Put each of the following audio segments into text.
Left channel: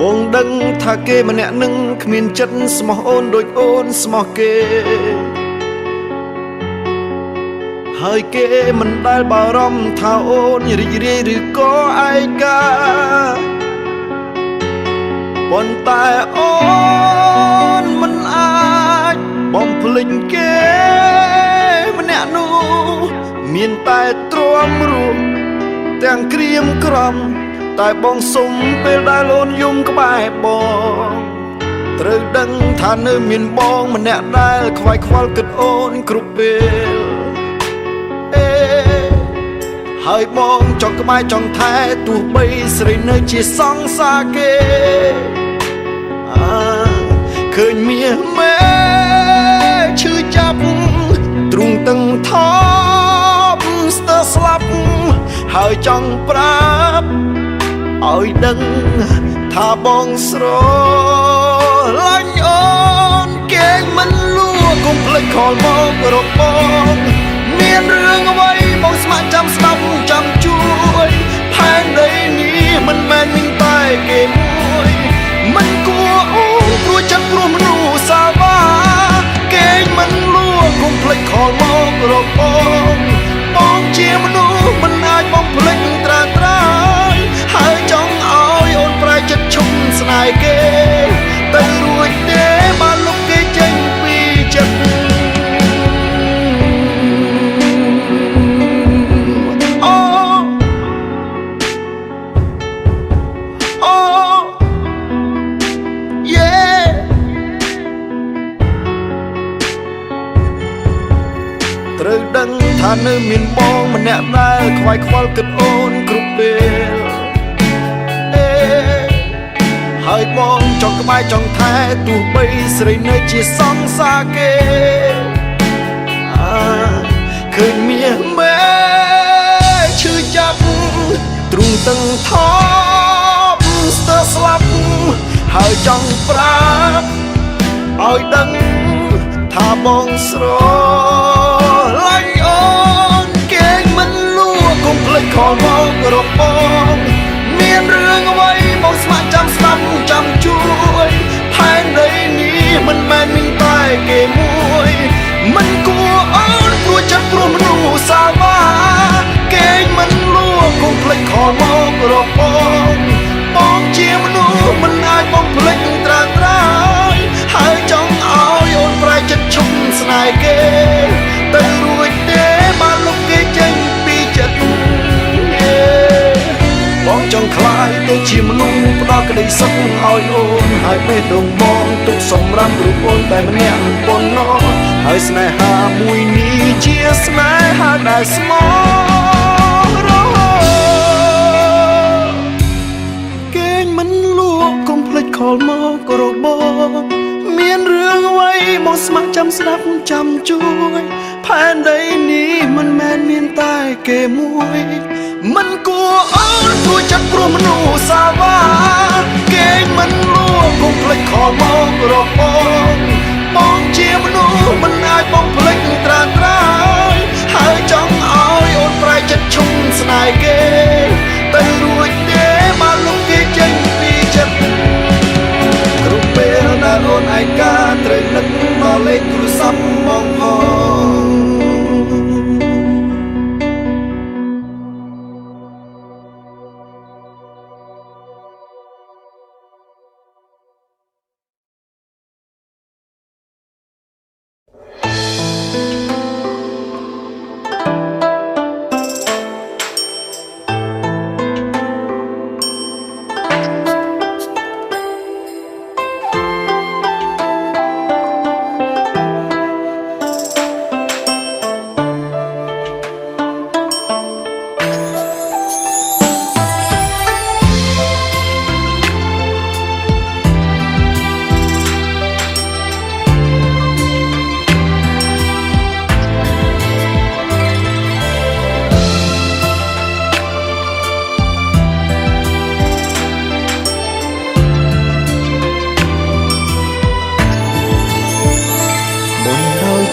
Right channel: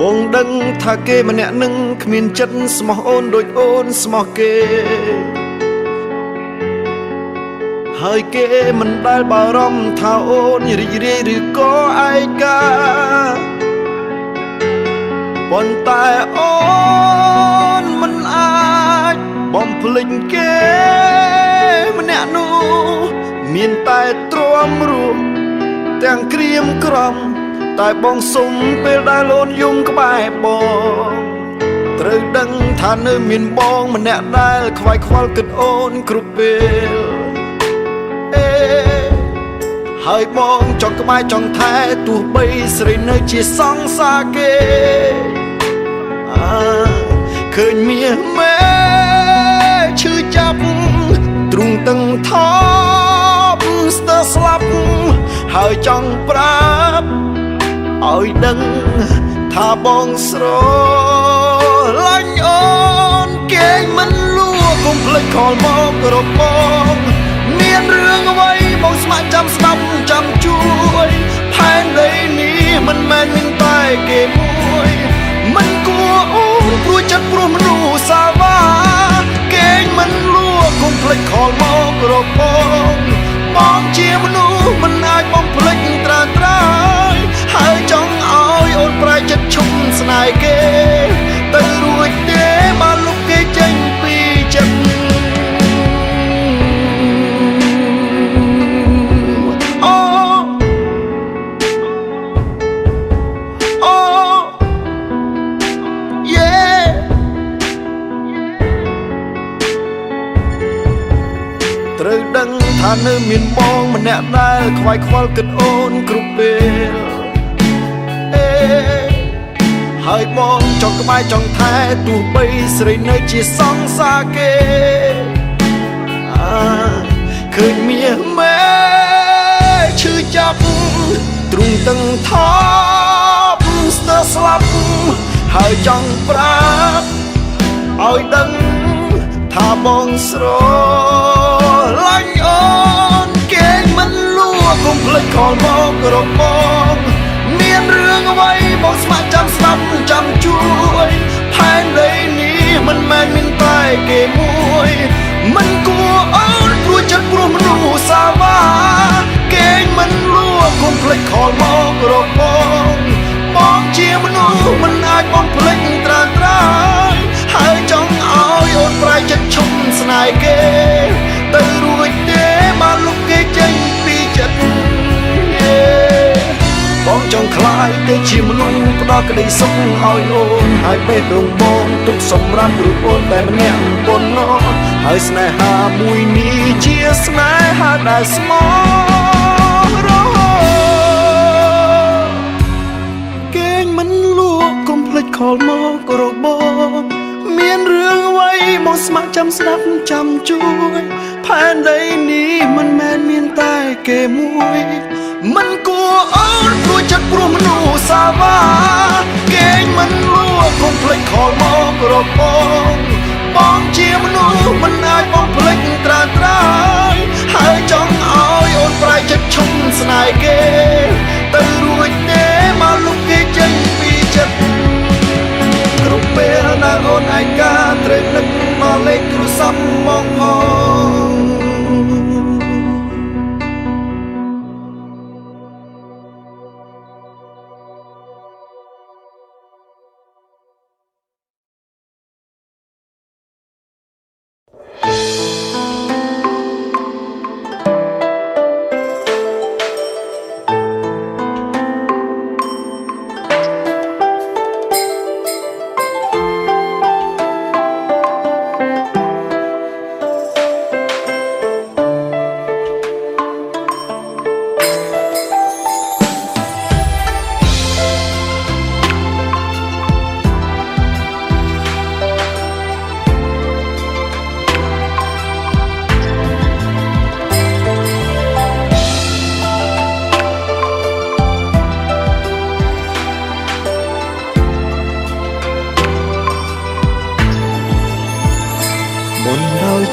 បងដឹងថាគេម្នាក់នឹងគ្មានចិត្តស្មោះអូនដូចអូនស្មោះគេហើយគេមិនដែលបារម្ភថាអូនរីករាយឬក៏ឯកាប៉ុន្តែអូនមិនអាចបំភ្លេចគេម្នាក់នោះមានតែទ្រាំរស់ទាំងក្រៀមក្រំតែបងសុំពេលដែលអូនយំក្បែរបងត្រូវដឹងថានៅមានបងម្នាក់ដែលខ្វាយខ្វល់គិតអូនគ្រប់ពេលហើយបងចង់ក្បែរចង់ថែទោះបីស្រីនៅជាសង្សារគេឃើញមាសមេឈឺចាប់ទ្រូងតឹងថប់ស្ទើរស្លាប់ហើយចង់ប្រាប់ឲ្យដឹងថាបងស្រឡាញ់អូនគេមិនលួកុំភ្លេចខលមករកបងមានរឿងអ្វីបងស្ម័គ្រចាំស្ដាប់ចាំជួយផែនដីនេះមិនមែនមានតែគេមួយមិនគួរអូនព្រោះចិត្តព្រោះមនុស្សសាវ៉ាគេមិនលួកុំភ្លេចខលមករកបងជាមនុស្សមិនអាចបំភ្លេចត្រាត្រាយហើយចង់ឲ្យអូនប្រែចិត្តឈុំស្នេហ៍គេទៅរួចទេបានលុបគេចេញពីចិត្តត្រូវដឹងថានៅមានបងម្នាក់ដែលខ្វាយខ្វល់គិតអូនគ្រប់ពេលហើយបងចង់ក្បែរចង់ថែទោះបីស្រីនៅជាសង្សារគេឃើញមាសមេឈឺចាប់ទ្រូងតឹងថប់ស្ទើរស្លាប់ហើយចង់ប្រាប់ឲ្យដឹងថាបងស្រឡាញ់អូនគេមិនលួកុំភ្លេចខលមករកបងមានរឿងអ្វីបងស្ម័គ្រចាំស្ដាប់ចាំជួយផែនដីនេះមិនមែនមានតែគេមួយមិនគួរអូនព្រោះចិត្តព្រោះមនុស្សសាវ៉ាគេមិនលួកុំភ្លេចខលមករកបងជាមនុស្សមិនអាចបំភ្លេចត្រាត្រាយហើយចង់ឲ្យអូនប្រែចិត្តឈុំស្នេហ៍គេទៅរួចទេបានលុបគេចេញពីចិត្តបងចង់ខ្លាយទៅជាមនុស្សផ្ដល់ក្តីសុខឲ្យអូនហើយបេះដូងបងទុកសម្រាប់រូបអូនតែម្នាក់ប៉ុណ្ណោះហើយស្នេហាមួយនេះជាស្នេហាដែលស្មោះរហូតគេមិនលួកកុំភ្លេចខលមកករកបងមានរឿងអ្វីមកស្ម័គ្រចាំស្ដាប់ចាំជួយផែនដីនេះមិនមែនមានតែគេមួយមិនគួរអូនព្រោះចិត្តព្រោះមនុស្សសាវ៉ាគេមិនលួកុំភ្លេចខលមករកបងជាមនុស្សមិនអាចបំភ្លេចត្រាត្រាយហើយចង់ឲ្យអូនប្រែចិត្តឈុំស្នេហ៍គេទៅរួចទេមកលុបគេចេញពីចិត្តគ្រប់ពេលដែលអូនឯកាត្រូវនឹកមកលេខទូរស័ព្ទមកផង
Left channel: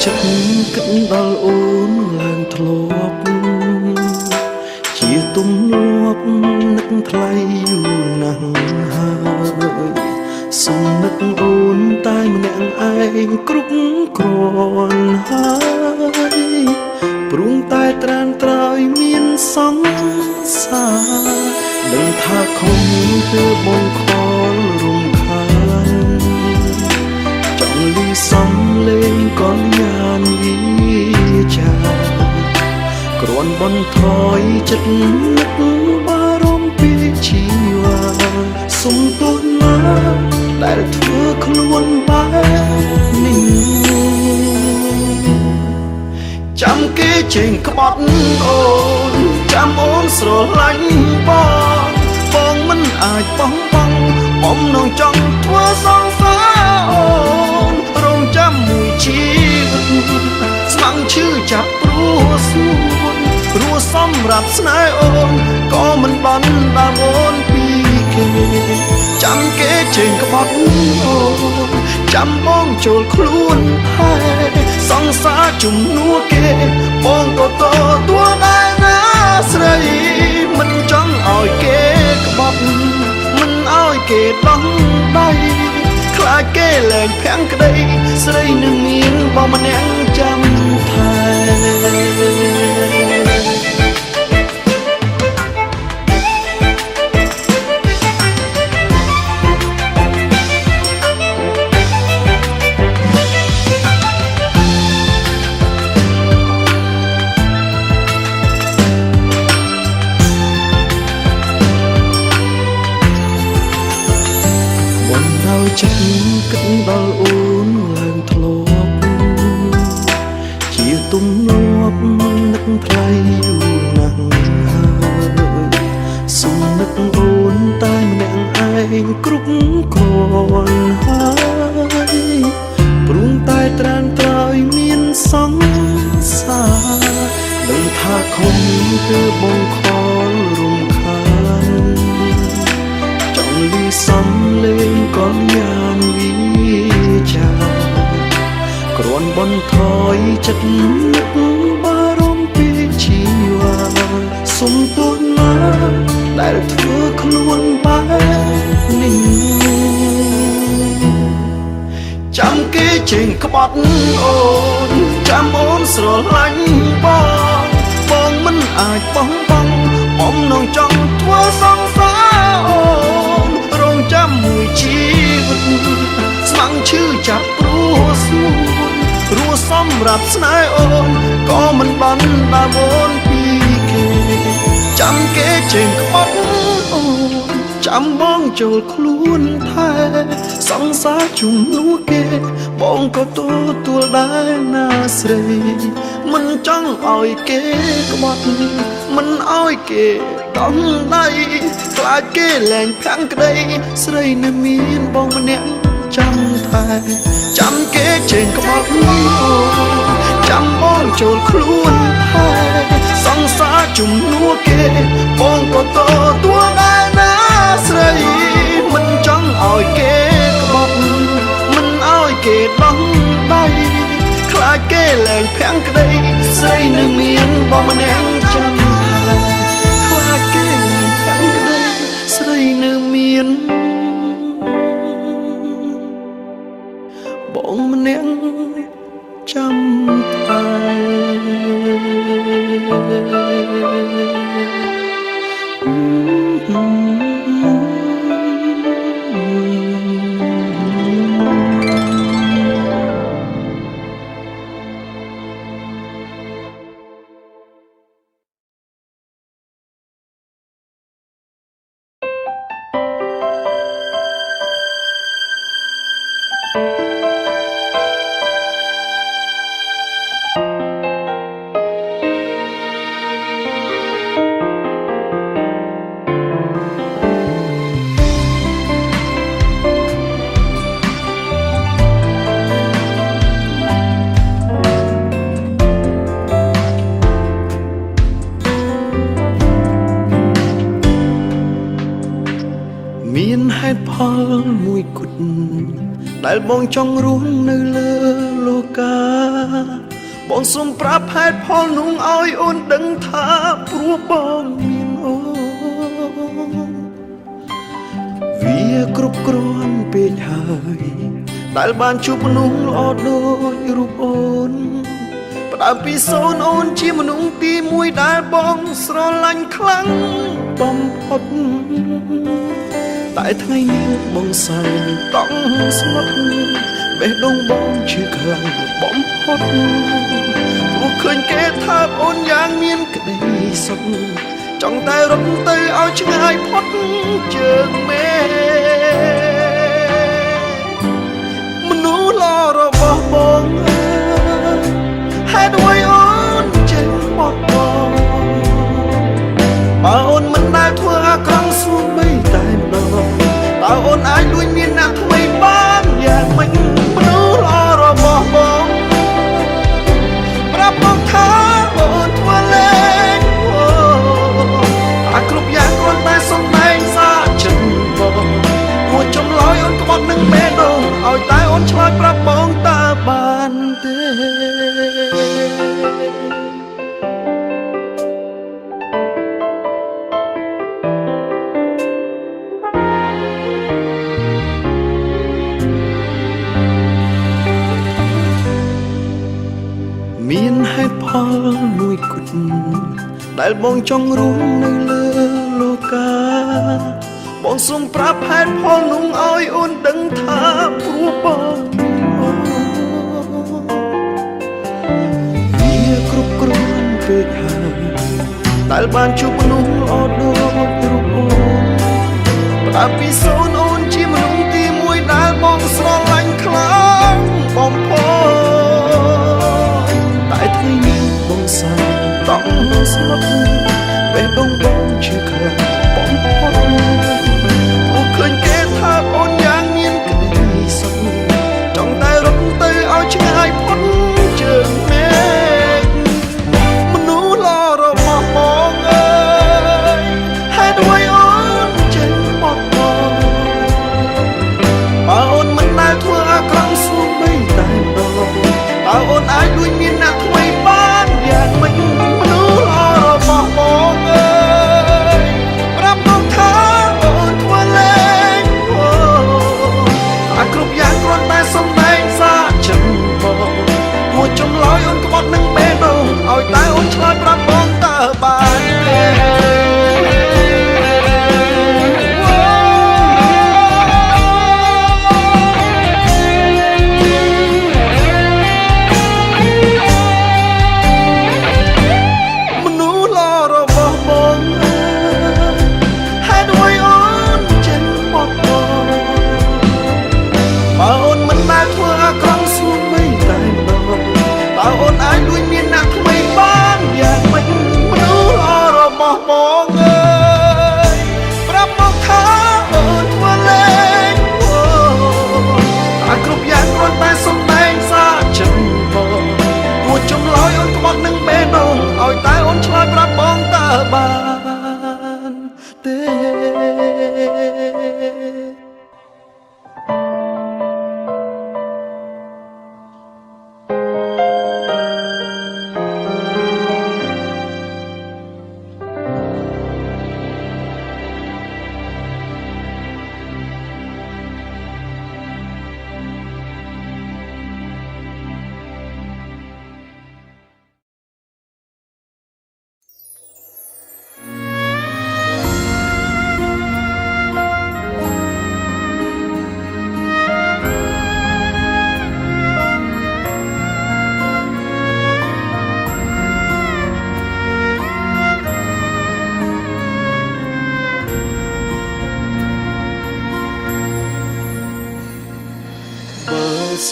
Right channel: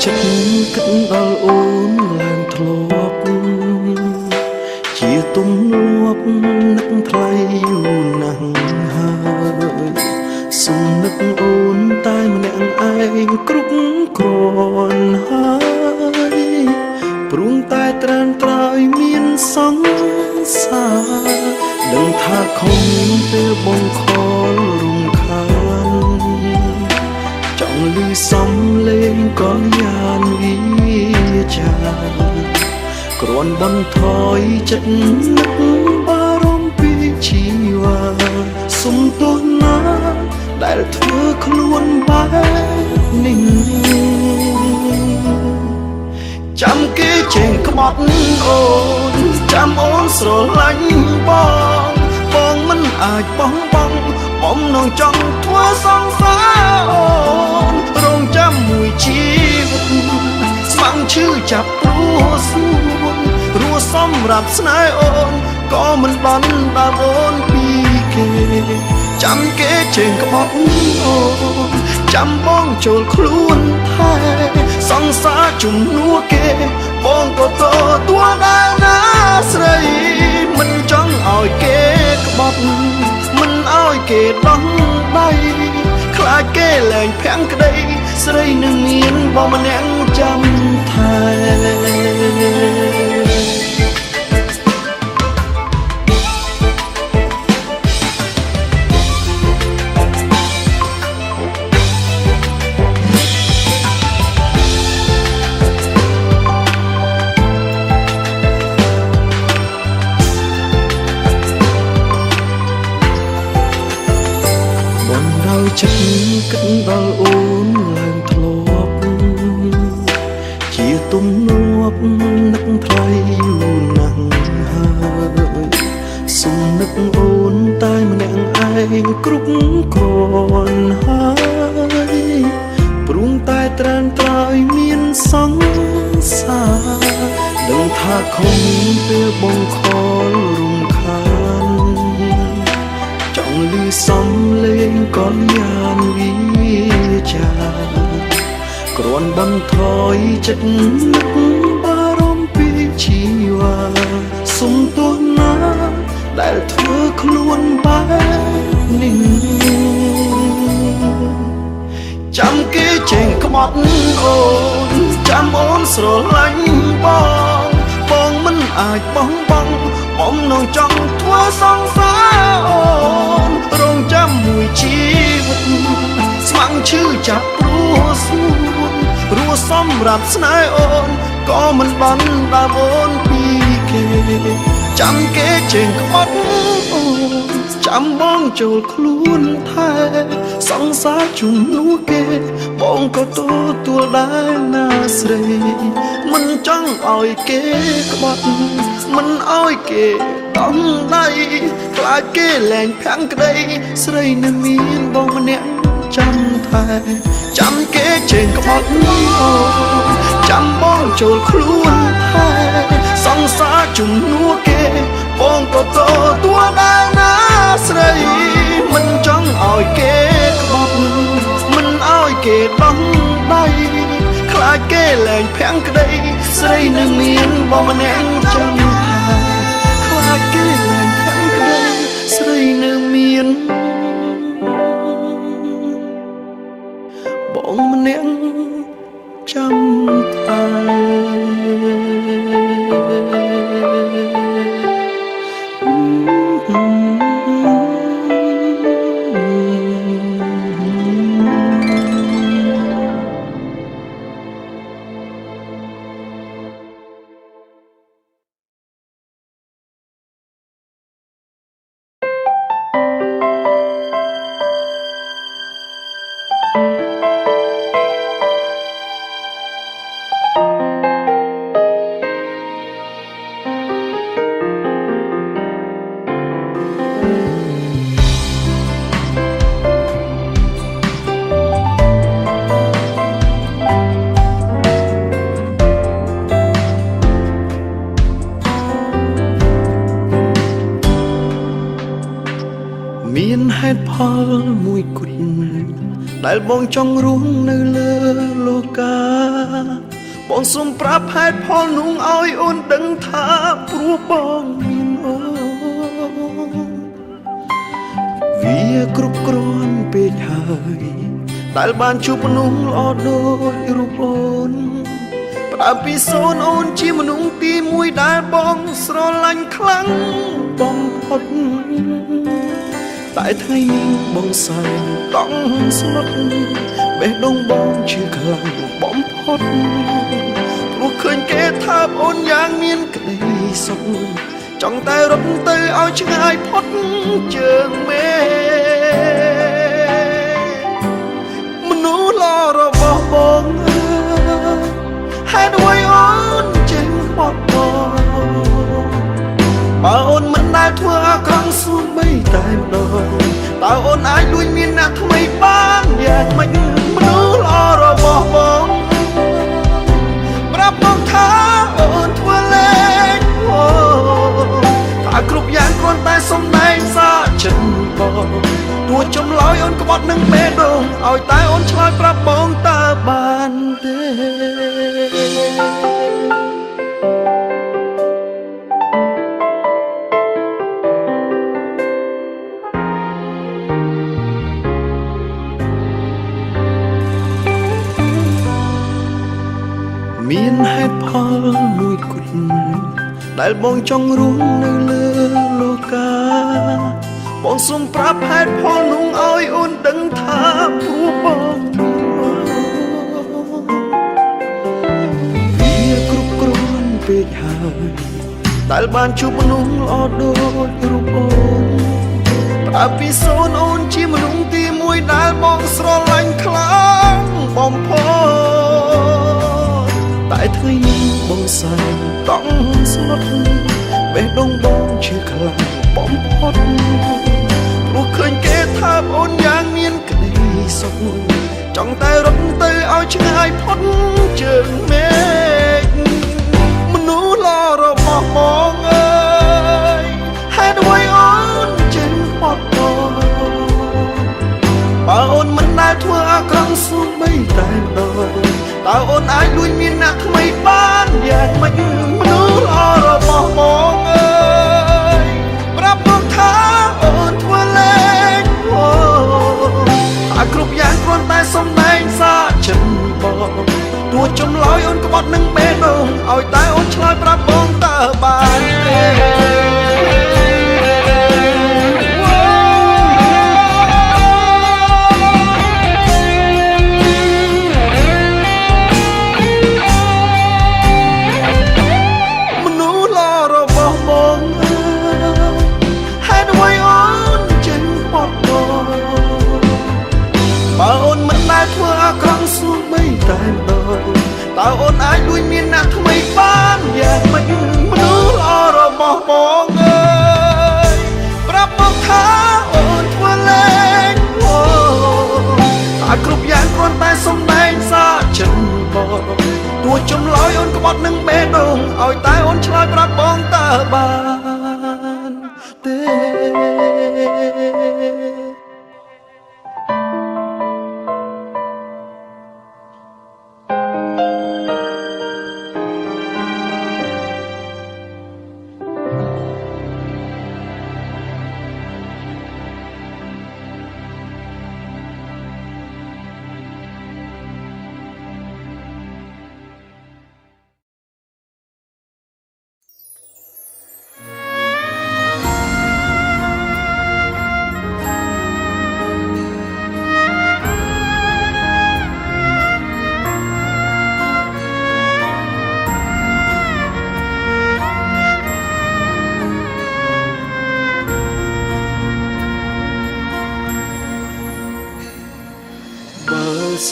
ចិត្តគិតដល់អូនឡើងធ្លាប់ ជាទំលាប់នឹកថ្លៃយូរណាស់ហើយសុំនឹកអូនតែម្នាក់ឯងគ្រប់គ្រាន់ហើយព្រួងតែត្រានត្រើយមានសង្សារដឹងថាខំពេលបងខលរំខានចង់លឺសំលេងក៏យ៉ានវិចាគ្រាន់បន្ថយចិត្តនឹកបារម្ភពីជីវ៉ាសុំទោសណាដែលធ្វើខ្លួនបែបនេះចាំគេចេញក្បត់អូនចាំអូនស្រឡាញ់បងមិនអាចបោះបង់បំណងចង់ធ្វើសង្សារអូនរងចាំមួយជីវិតស្មាំងឈឺចាប់ព្រោះសួនរស់សម្រាប់ស្នេហ៍អូនក៏មិនបានដើមអូនពីគេចាំគេចេញក្បត់អូនចាំបងចូលខ្លួនថែសង្សារជំនួសគេបងក៏ទទួលដែរណាស្រីមិនចង់ឲ្យគេក្បត់មិនឲ្យគេដោះដៃខ្លាចគេលែងភាំងក្តីស្រីនឹងមានបងម្នាក់ចាំថែដោយចិត្តគិតដល់អូនឡើងធ្លាប់ជាទំនាប់នឹកថ្លៃយូរណាស់ហើយសុំនឹកអូនតែម្នាក់ឯងគ្រប់គ្រាន់ហើយព្រួងតែត្រានត្រើយមានសង្សារដឹងថាខំពេលបងខលរំខានចង់លឺសំលេងក៏យ៉ានវិចាគ្រាន់បន្ថយចិត្តនឹកបារម្ភពីជីវ៉ាសុំទោសណាដែលធ្វើខ្លួនបែបនេះចាំគេចេញក្បត់អូនចាំអូនស្រឡាញ់បងមិនអាចបោះបង់បំណងចង់ធ្វើសង្សារអូនរងចាំមួយជីវិតស្មាំងឈឺចាប់ព្រោះសួនរស់សម្រាប់ស្នេហ៍អូនក៏មិនបានដើមអូនពីគេចាំគេចេញក្បត់អូនចាំបងចូលខ្លួនថែសង្សារជំនួសគេបងក៏ទទួលដែរណាស្រីមិនចង់ឲ្យគេក្បត់មិនឲ្យគេដំដៃខ្លាចគេលែងភាំងក្តីស្រីនៅមានបងម្នាក់ចាំថែចាំគេចេញក្បត់អូចាំបងចូលខ្លួនថែសង្សារជំនួសគេបងក៏ទទួលដែរណាស្រីមិនចង់ឲ្យគេក្បត់មិនឲ្យគេដោះដៃខ្លាចគេលែងភាំងក្តីស្រីនឹងមានបងម្នាក់ចាំថែខ្លាចគេលែងភាំងក្តីស្រីនឹងមានបងម្នាក់ចាំថែមានហេតុផលមួយគត់ដែលបងចង់រស់នៅលើលោកាបងសូមប្រាប់ហេតុផលនោះឲ្យអូនដឹងថាព្រោះបងមាន វាគ្រប់គ្រាន់ពេកហើយដែលបានជួបមនុស្សល្អដូចរូបអូនផ្ដើមពីសូនអូនជាមនុស្សទីមួយដែលបងស្រឡាញ់ខ្លាំងបំផុតតែថ្ងៃនេះបងសែនតង់ស្មុតបេះដូងបងឈឺខ្លាំងបំផុតព្រោះឃើញគេថាអូនយ៉ាងមានក្តីសុខចង់តែរត់ទៅឲ្យឆ្ងាយផុតជើងមេមនុស្សល្អរបស់បងអើយហេតុអ្វីអូនចេញបត់បោបើអូនមិនដែលធ្វើអាក្រក់សូម្បីតែម្ដងតើអូនអាចលួចមានអ្នកថ្មីបានយ៉ាងម៉េចមនុស្សល្អរបស់បងប្រាប់បងថាអូនធ្វើលេងថាគ្រប់យ៉ាងគ្រាន់តែសំដែងសាចិត្តបងទោះចម្លើយអូនក្បត់នឹងបេះដូងឲ្យតែអូនឆ្លើយប្រាប់បងតើបានទេមានហេតុផលមួយគត់ដែលបងចង់រស់នៅលើលោកាបងសូមប្រាប់ហេតុផលនោះឲ្យអូនដឹងថាព្រោះបងមានអូនវាគ្រប់គ្រាន់ពេកហើយដែលបានជួបមនុស្សល្អដូចរូបអូនផ្ដើមពីសូនអូនជាមនុស្សទីមួយដែលបងស្រឡាញ់ខ្លាំងបំផុតតែថ្ងៃនេះបងសែនតង់ស្លុតបេះដូងបងឈឺខ្លាំងបំផុតព្រោះឃើញគេថាអូនយ៉ាងមានក្តីសុខចង់តែរត់ទៅឲ្យឆ្ងាយផុតជើងមេឃមនុស្សល្អរបស់បងអើយហេតុអ្វីអូនចេញបត់បោបើអូនមិនដែលធ្វើអាក្រក់សូម្បីតែម្ដងតើអូនអាចលួចមានអ្នកថ្មីបានយ៉ាងម៉េចមនុស្សល្អរបស់បងអើយប្រាប់បងថាអូនធ្វើលេងថាគ្រប់យ៉ាងគ្រាន់តែសំដែងសាចិត្តបងទោះចម្លើយអូនក្បត់នឹងបេះដូងឲ្យតែអូនឆ្លើយប្រាប់បងតើបានទេបើអូនមិនដែលធ្វើអាក្រក់សូម្បីតែម្ដងតើអូនអាចលួចមានអ្នកថ្មីបានយ៉ាងម៉េចមនុស្សល្អរបស់បងអើយប្រាប់មកថាអូនធ្វើលេងតែគ្រប់យ៉ាងគ្រាន់តែសំដែងសាចិត្តបងទោះចម្លើយអូនក្បត់នឹងបេះដូងឲ្យតែអូនឆ្លើយប្រាប់បងតើបានទេ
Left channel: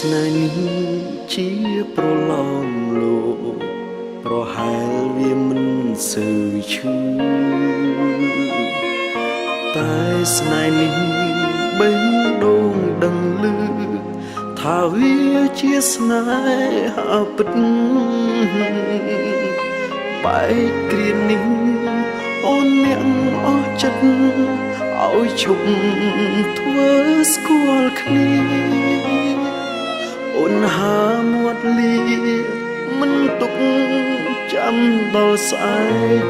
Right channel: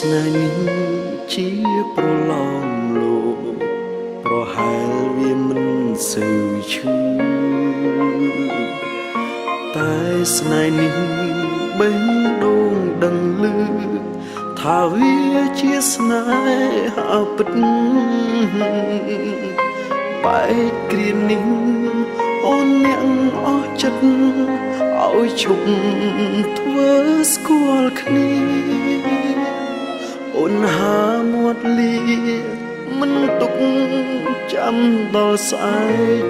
ស្នេហ៍នេះជាប្រឡំលោកប្រហែលវាមិនសូវឈឺតែស្នេហ៍នេះបេះដូងដឹងឮថាវាជាស្នេហាពិតបែកគ្រានេះអូនអ្នកអស់ចិត្តឲ្យឈប់ធ្វើស្គាល់គ្នាអូនហាមាត់លីមិនទុកចាំដល់ស្អែក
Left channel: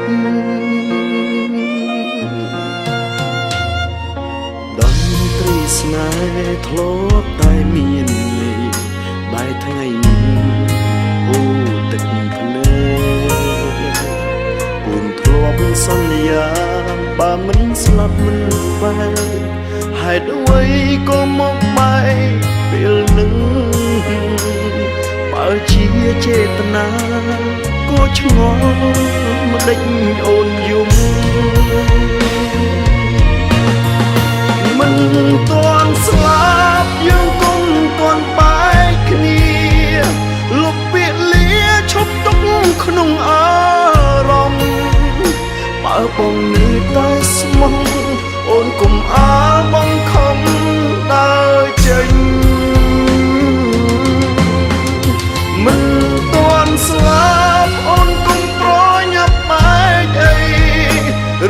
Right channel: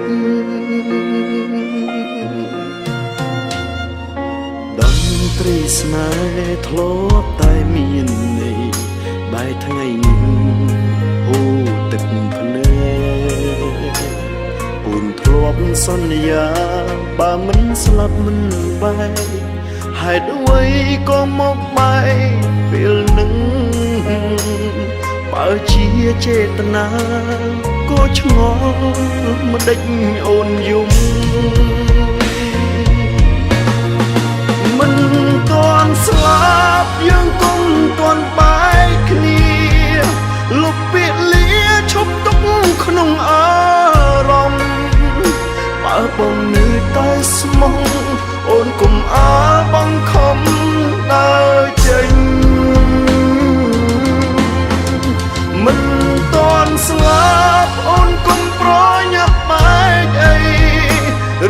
ដំ ត្រីស្នេហ៍ធ្លាប់តែមានន័យបែរថ្ងៃនេះហូរទឹកភ្នែកអូនធ្លាប់សន្យាបើមិនស្លាប់មិនបែកហេតុអ្វីក៏មកបែកពេលនឹងបើជាចេតនាក៏ឆ្ងល់មិនដេចអូនយំមិនទាន់ស្លាប់យើងគុំទាន់បែកគ្នាលុបពាក្យលាឈប់ទុកក្នុងអារម្មណ៍បើបងនៅតែស្មោះអូនគុំអាលបងខំដើរចេញមិនទាន់ស្លាប់អូនគុំប្រញាប់បែកអី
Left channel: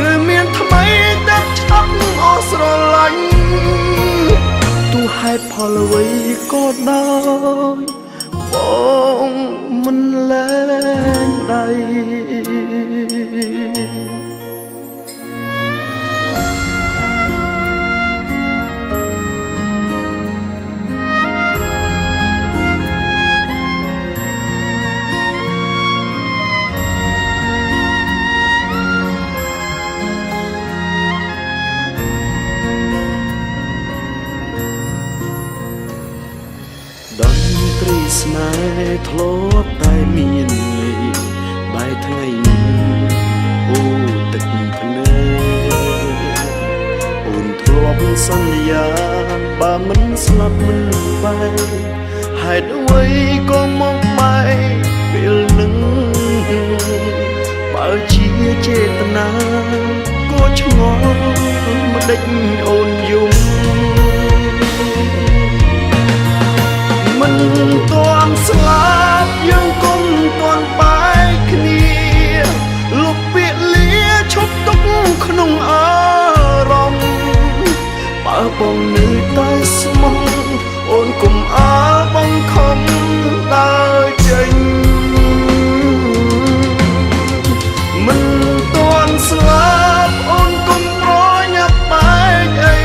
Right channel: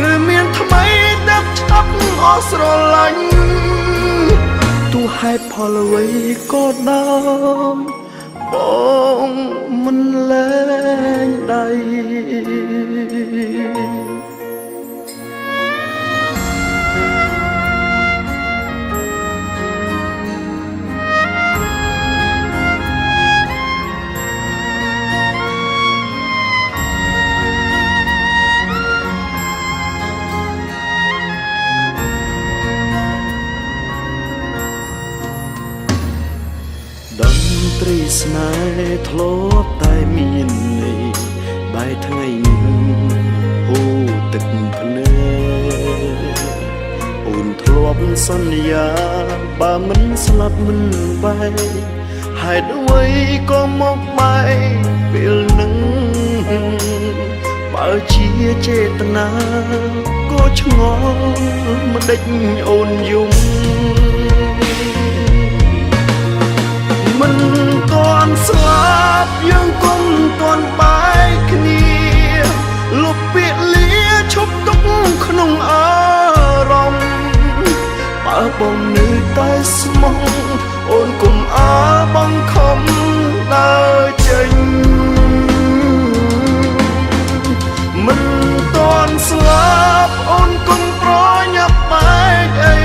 ឬមានថ្មីតែឆាប់អស់ស្រឡាញ់ទោះហេតុផលអ្វីក៏ដោយបងមិនលែងដៃតន្ត្រីស្នេហ៍ធ្លាប់តែមានន័យបែរថ្ងៃនេះហូរទឹកភ្នែកអូនធ្លាប់សន្យាបើមិនស្លាប់មិនបែកហេតុអ្វីក៏មកបែកពេលនឹងបើជាចេតនាក៏ឆ្ងល់មិនដេចអូនយំមិនទាន់ស្លាប់យើងគុំទាន់បែកគ្នាលុបពាក្យលាឈប់ទុកក្នុងអារម្មណ៍បើបងនៅតែស្មោះអូនគុំអាលបងខំដើរចេញមិនទាន់ស្លាប់អូនគុំប្រញាប់បែកអី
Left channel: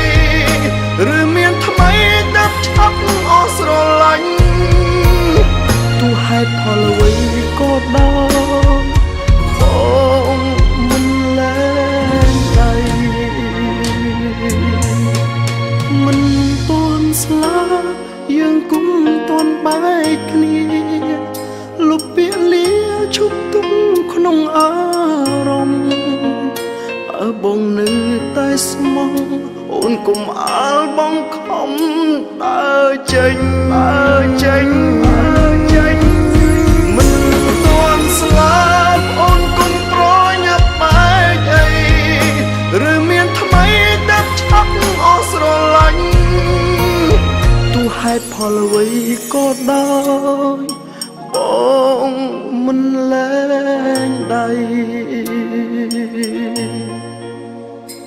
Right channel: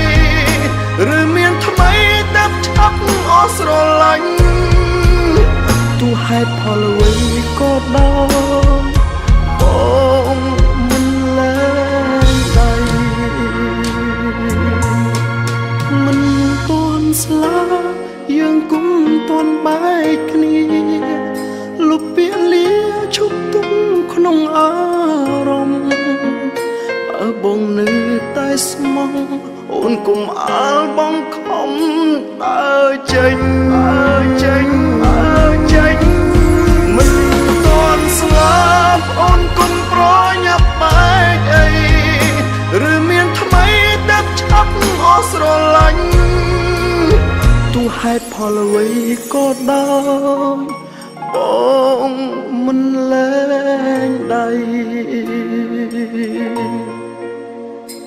ឬមានថ្មីតែឆាប់អស់ស្រឡាញ់ទោះហេតុផលអ្វីក៏ដោយបងមិនលែងដៃមិនទាន់ស្លាប់យើងគុំទាន់បែកគ្នាលុបពាក្យលាឈប់ទុកក្នុងអារម្មណ៍បើបងនៅតែស្មោះអូនគុំអាលបងខំដើរចេញមិនទាន់ស្លាប់អូនគុំប្រញាប់បែកអីឬមានថ្មីតែឆាប់អស់ស្រឡាញ់ទោះហេតុផលអ្វីក៏ដោយបងមិនលែងដៃ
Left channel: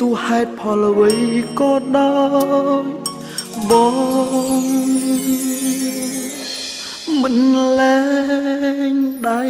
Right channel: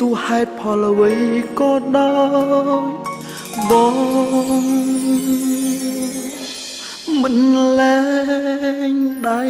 ទោះហេតុផលអ្វីក៏ដោយបងមិនលែងដៃ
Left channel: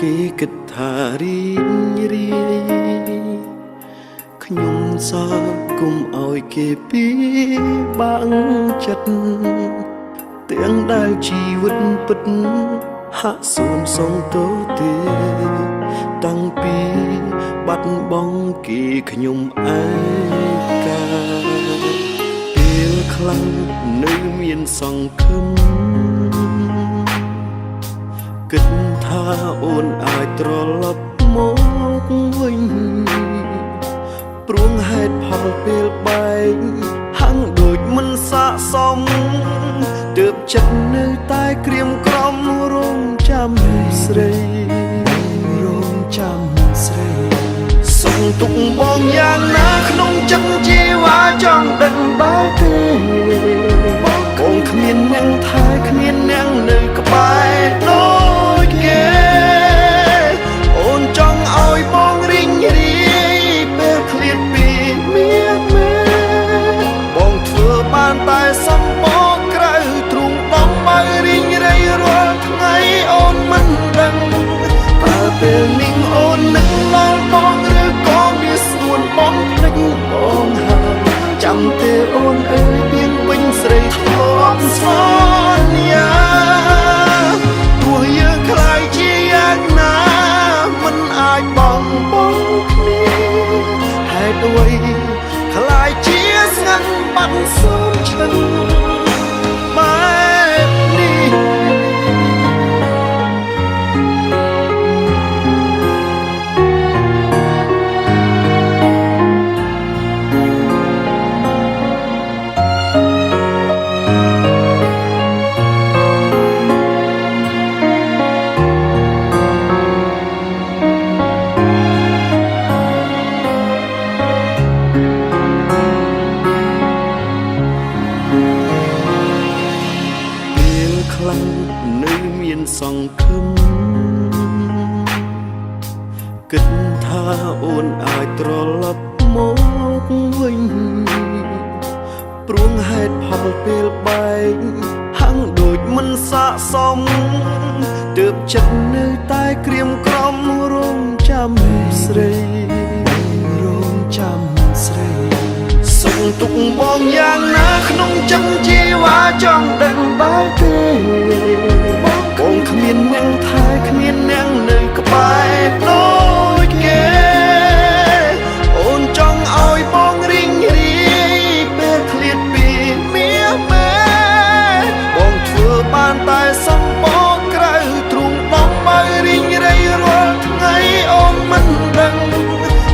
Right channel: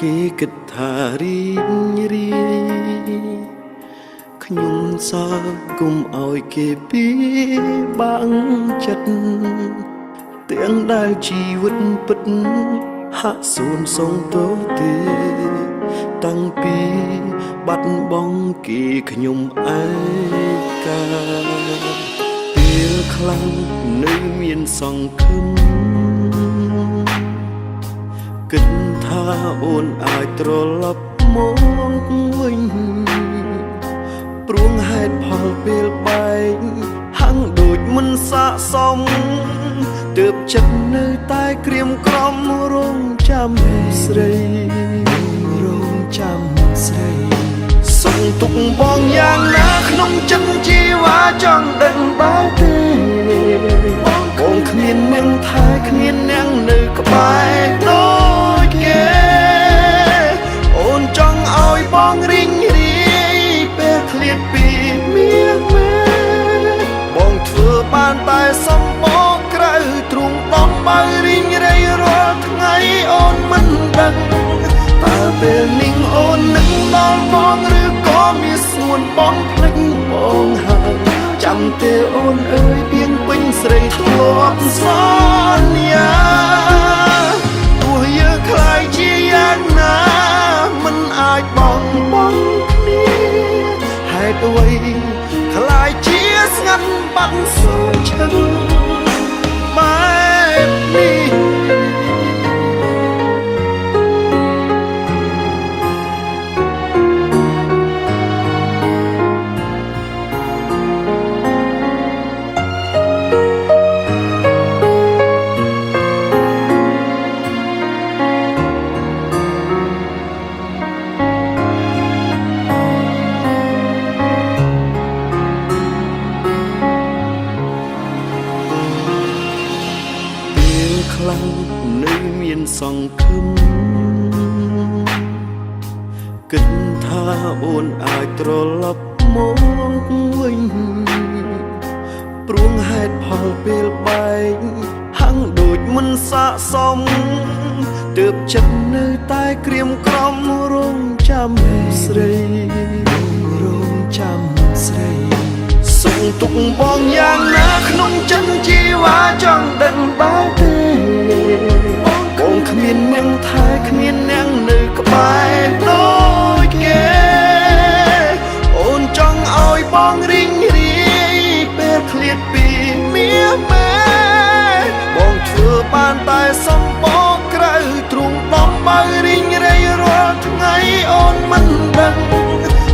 គេគិតថារីករាយខ្ញុំសើគុំឲ្យគេពីបាំងចិត្តទាំងដែលជីវិតពិតហាក់សួនសងទោទេតាំងពីបាត់បង់គេខ្ញុំឯកាពេល ពេលខ្លាំងនៅមានសង្ឃឹមគិតថាអូនអាចត្រឡប់មកវិញព្រោះហេតុផលពេលបែកហាំងដូចមិនស័ក្តិសមទើបចិត្តនៅតែក្រៀមក្រំរងចាំស្រីសុំទុកបងយ៉ាងណាក្នុងចិត្តជីវ៉ាចង់ដឹងដល់ទេបងគ្មានអ្នកថែគ្មានអ្នកនៅក្បែរដូចគេអូនចង់ឲ្យបងរីងរាយពេលឃ្លាតពីមាសមេបងធ្វើបានតែសំបកក្រៅទ្រូងបំបើរីងរាយរាល់ថ្ងៃអូនមិនដឹងតើពេលនេះអូននឹងដល់បងឬក៏មានស្ងួនបងភ្លេចបងហើយចាំទេអូនអើយពីងពេញស្រីធ្លាប់សន្យាទោះយើងខ្លាយជាយ៉ាងណាមិនអាចបងគ្នាហេតុអ្វីខ្លាយជាស្ងាត់បាត់សូនឈឹងបែបនេះខ្លាំងនៅមានសង្ឃឹមគិតថាអូនអាចត្រឡប់មកវិញព្រោះហេតុផលពេលបែកហាំងដូចមិនស័ក្តិសមទើបចិត្តនៅតែក្រៀមក្រំរងចាំស្រីសុំទុកបងយ៉ាងណាក្នុងចិត្តជីវ៉ាចង់ដឹងដល់ទេបងគ្មានអ្នកថែគ្មានអ្នកនៅក្បែរដូចគេអូនចង់ឲ្យបងរីងរាយពេលឃ្លាតពីមាសមេបងធ្វើបានតែសំបកក្រៅទ្រូងបំបើរីងរាយរាល់ថ្ងៃអូនមិនដឹង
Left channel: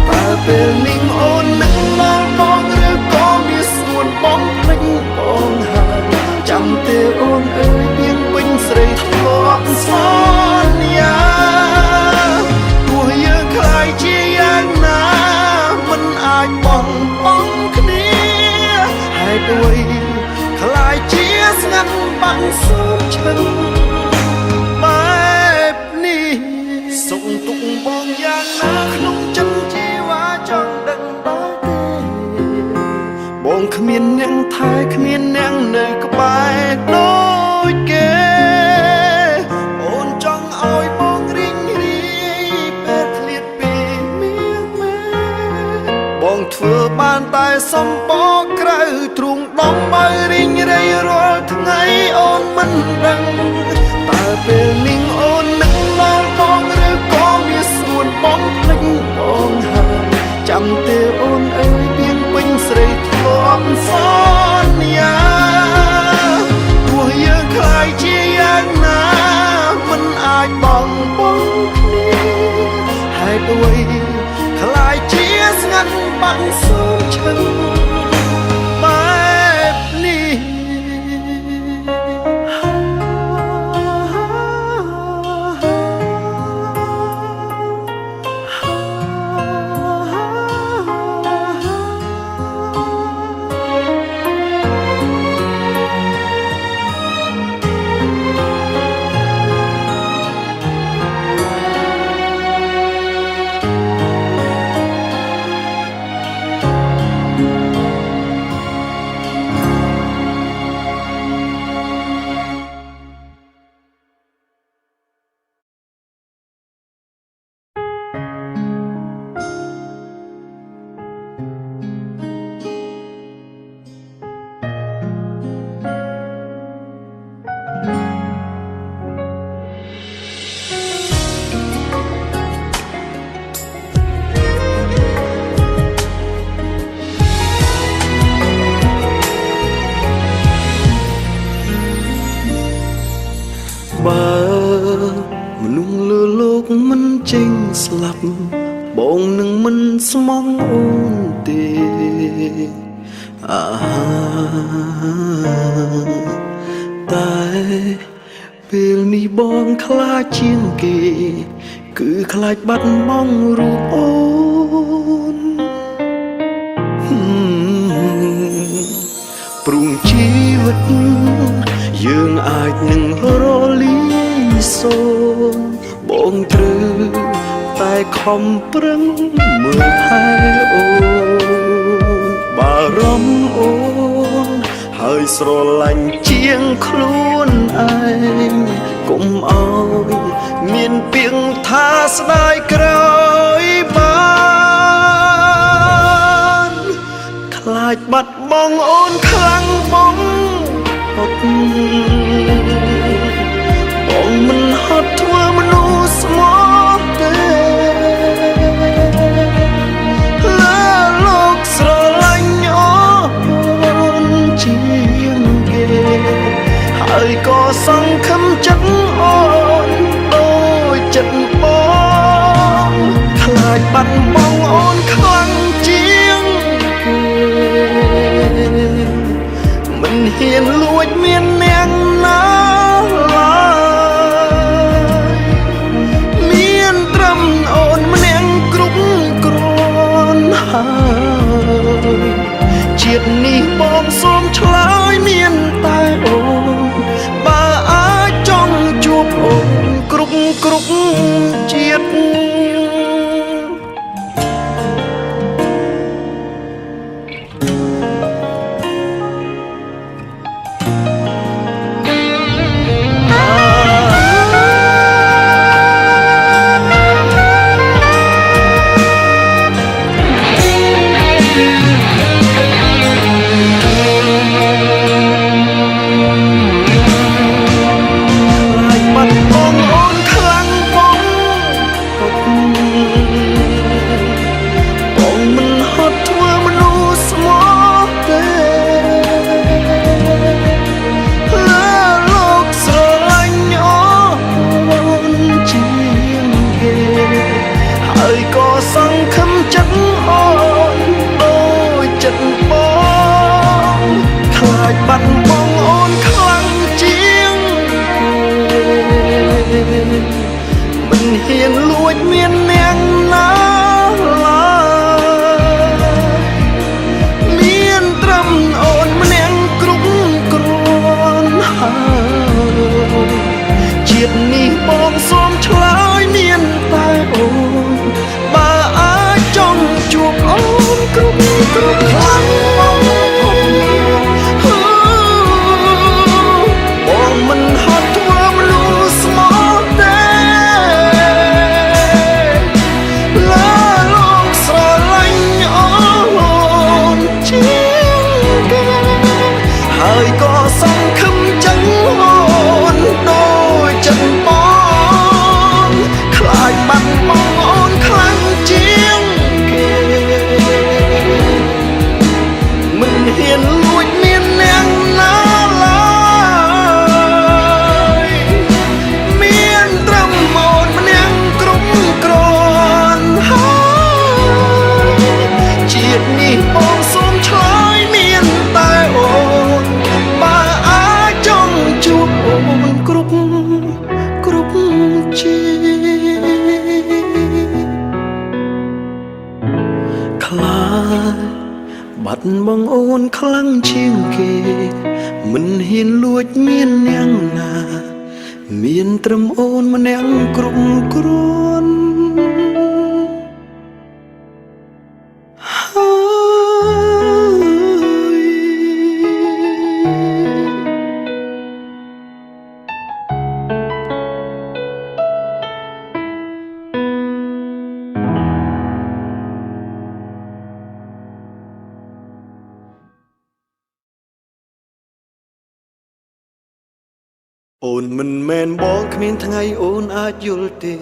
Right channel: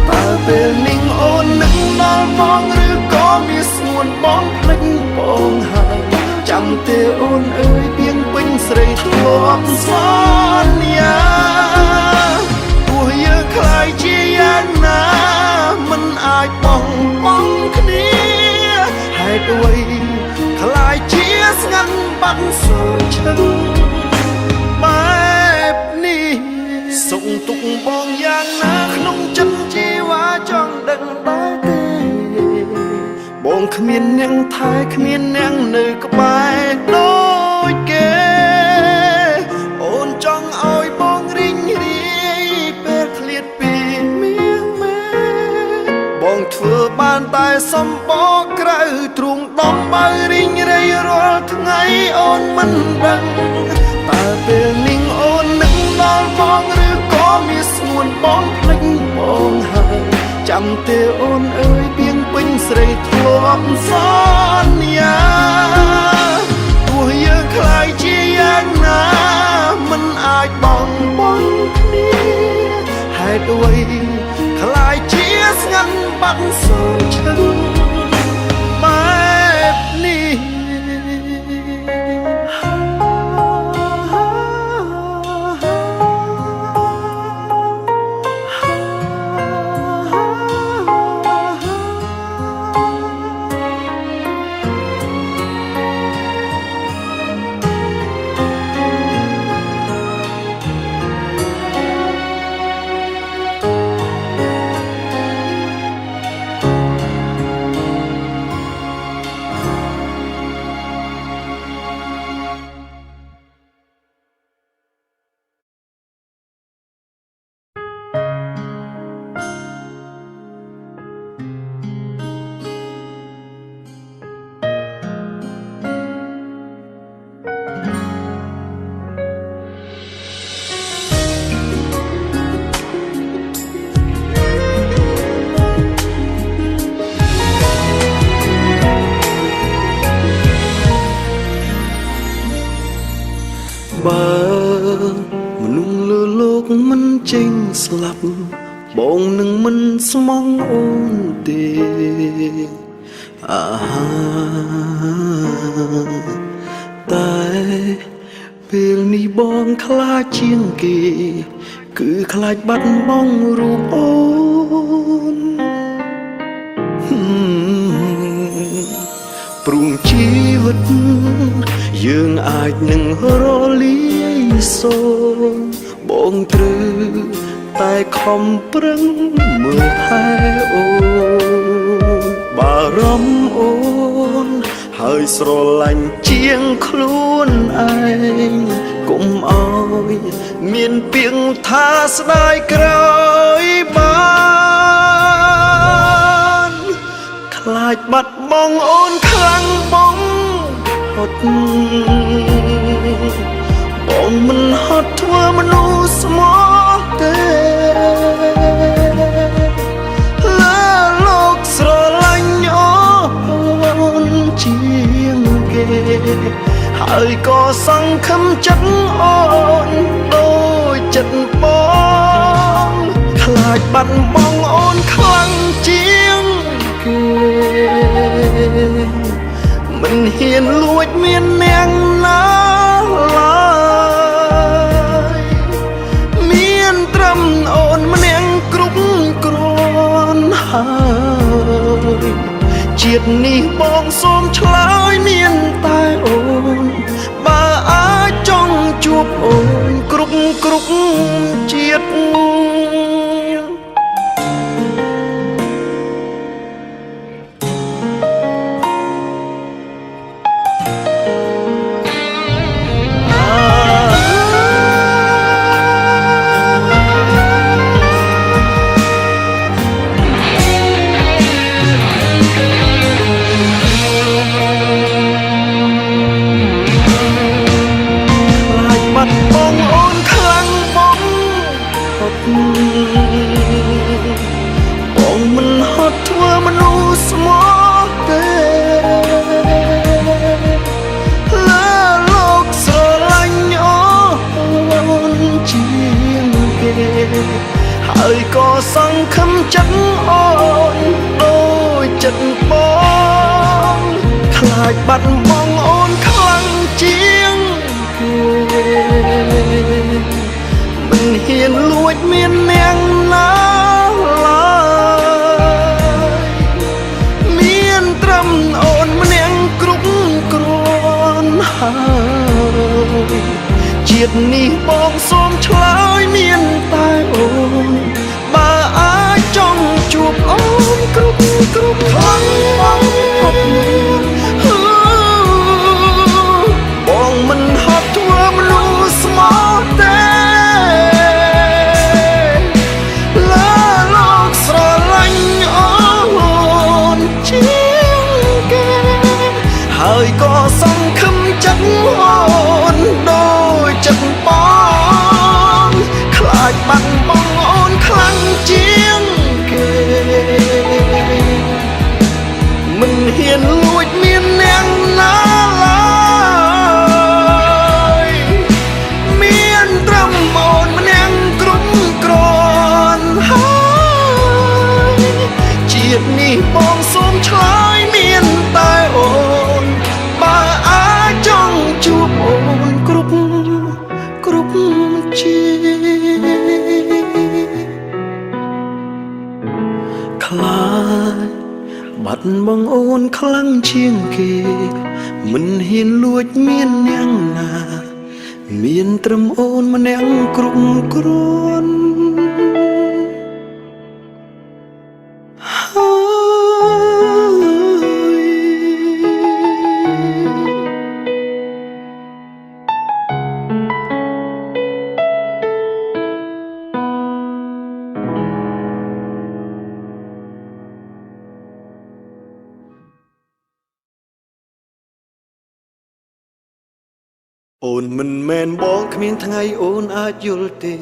តើពេលនេះអូននឹងដល់បងឬក៏មានស្ងួនបងភ្លេចបងហើយចាំទេអូនអើយពីងពេញស្រីធ្លាប់សន្យាទោះយើងខ្លាយជាយ៉ាងណាមិនអាចបងគ្នាហេតុអ្វីខ្លាយជាស្ងាត់បាត់សូនឈឹងបែបនេះសុំទុកបងយ៉ាងណាក្នុងចិត្តជីវ៉ាចង់ដឹងដល់ទេបងគ្មានអ្នកថែគ្មានអ្នកនៅក្បែរដូចគេអូនចង់ឲ្យបងរីងរាយពេលឃ្លាតពីមាសមេបងធ្វើបានតែសំបកក្រៅទ្រូងដំបើរីងរាយរាល់ថ្ងៃអូនមិនដឹងតើពេលនេះអូននឹងដល់បងឬក៏មានស្ងួនបងភ្លេចបងហើយចាំទេអូនអើយពីងពេញស្រីធ្លាប់សន្យាទោះយើងខ្លាយជាយ៉ាងណាមិនអាចបងគ្នាហេតុអ្វីខ្លាយជាស្ងាត់បាត់សូនឈឹងបែបនេះ បើមនុស្សលើលោកមិនចេញស្លាប់បងនឹងមិនស្មងអូនទេតែពេលនេះបងខ្លាចជាងគេគឺខ្លាចបាត់បង់រូបអូនព្រោះជីវិតយើងអាចនឹងរលាយសូន្យបងត្រូវតែខំប្រឹងមើលថែអូនបារម្ភអូនហើយស្រឡាញ់ជាងខ្លួនឯងកុំអោយមានពាក្យថាស្ដាយក្រោយបានខ្លាចបាត់បង់អូនខ្លាំងបងហត់បងមិនហត់ធ្វើមនុស្សស្មោះទេលើលោកស្រឡាញ់អូនជាងគេហើយក៏សង្ឃឹមចិត្តអូនដូចចិត្តបងខ្លាចបាត់បង់អូនខ្លាំងជាងគេមិនហ៊ានលួចមាននាងណាឡើយមានត្រឹមអូនម្នាក់គ្រប់គ្រាន់ហើយជាតិនេះបងសូមឆ្លើយមានតែអូនបើអាចចង់ជួបអូនគ្រប់ជាតិបងមិនហត់ធ្វើមនុស្សស្មោះទេលើលោកស្រឡាញ់អូនជាងគេហើយក៏សង្ឃឹមចិត្តអូនដូចចិត្តបងខ្លាចបាត់បង់អូនខ្លាំងជាងគេមិនហ៊ានលួចមាននាងណាឡើយមានត្រឹមអូនម្នាក់គ្រប់គ្រាន់ហើយជាតិនេះបងសូមឆ្លើយមានតែអូនបើអាចចង់ជួបអូនគ្រប់បងមិនហត់ធ្វើមនុស្សស្មោះទេហើយក៏សង្ឃឹមចិត្តអូនដូចចិត្តបងខ្លាចបាត់បង់អូនខ្លាំងជាងគេមិនហ៊ានលួចមាននាងណាឡើយមានត្រឹមអូនម្នាក់គ្រប់គ្រាន់ហើយជាតិនេះបងសូមឆ្លើយមានតែអូនជួបអូនគ្រប់ជាតិខ្លាចបាត់បង់អូនខ្លាំងជាងគេមិនហ៊ានលួចមាននាងណាមានត្រឹមអូនម្នាក់គ្រប់គ្រាន់អូនមិនមែនបងគ្មានថ្ងៃអូនអាចយល់ទេ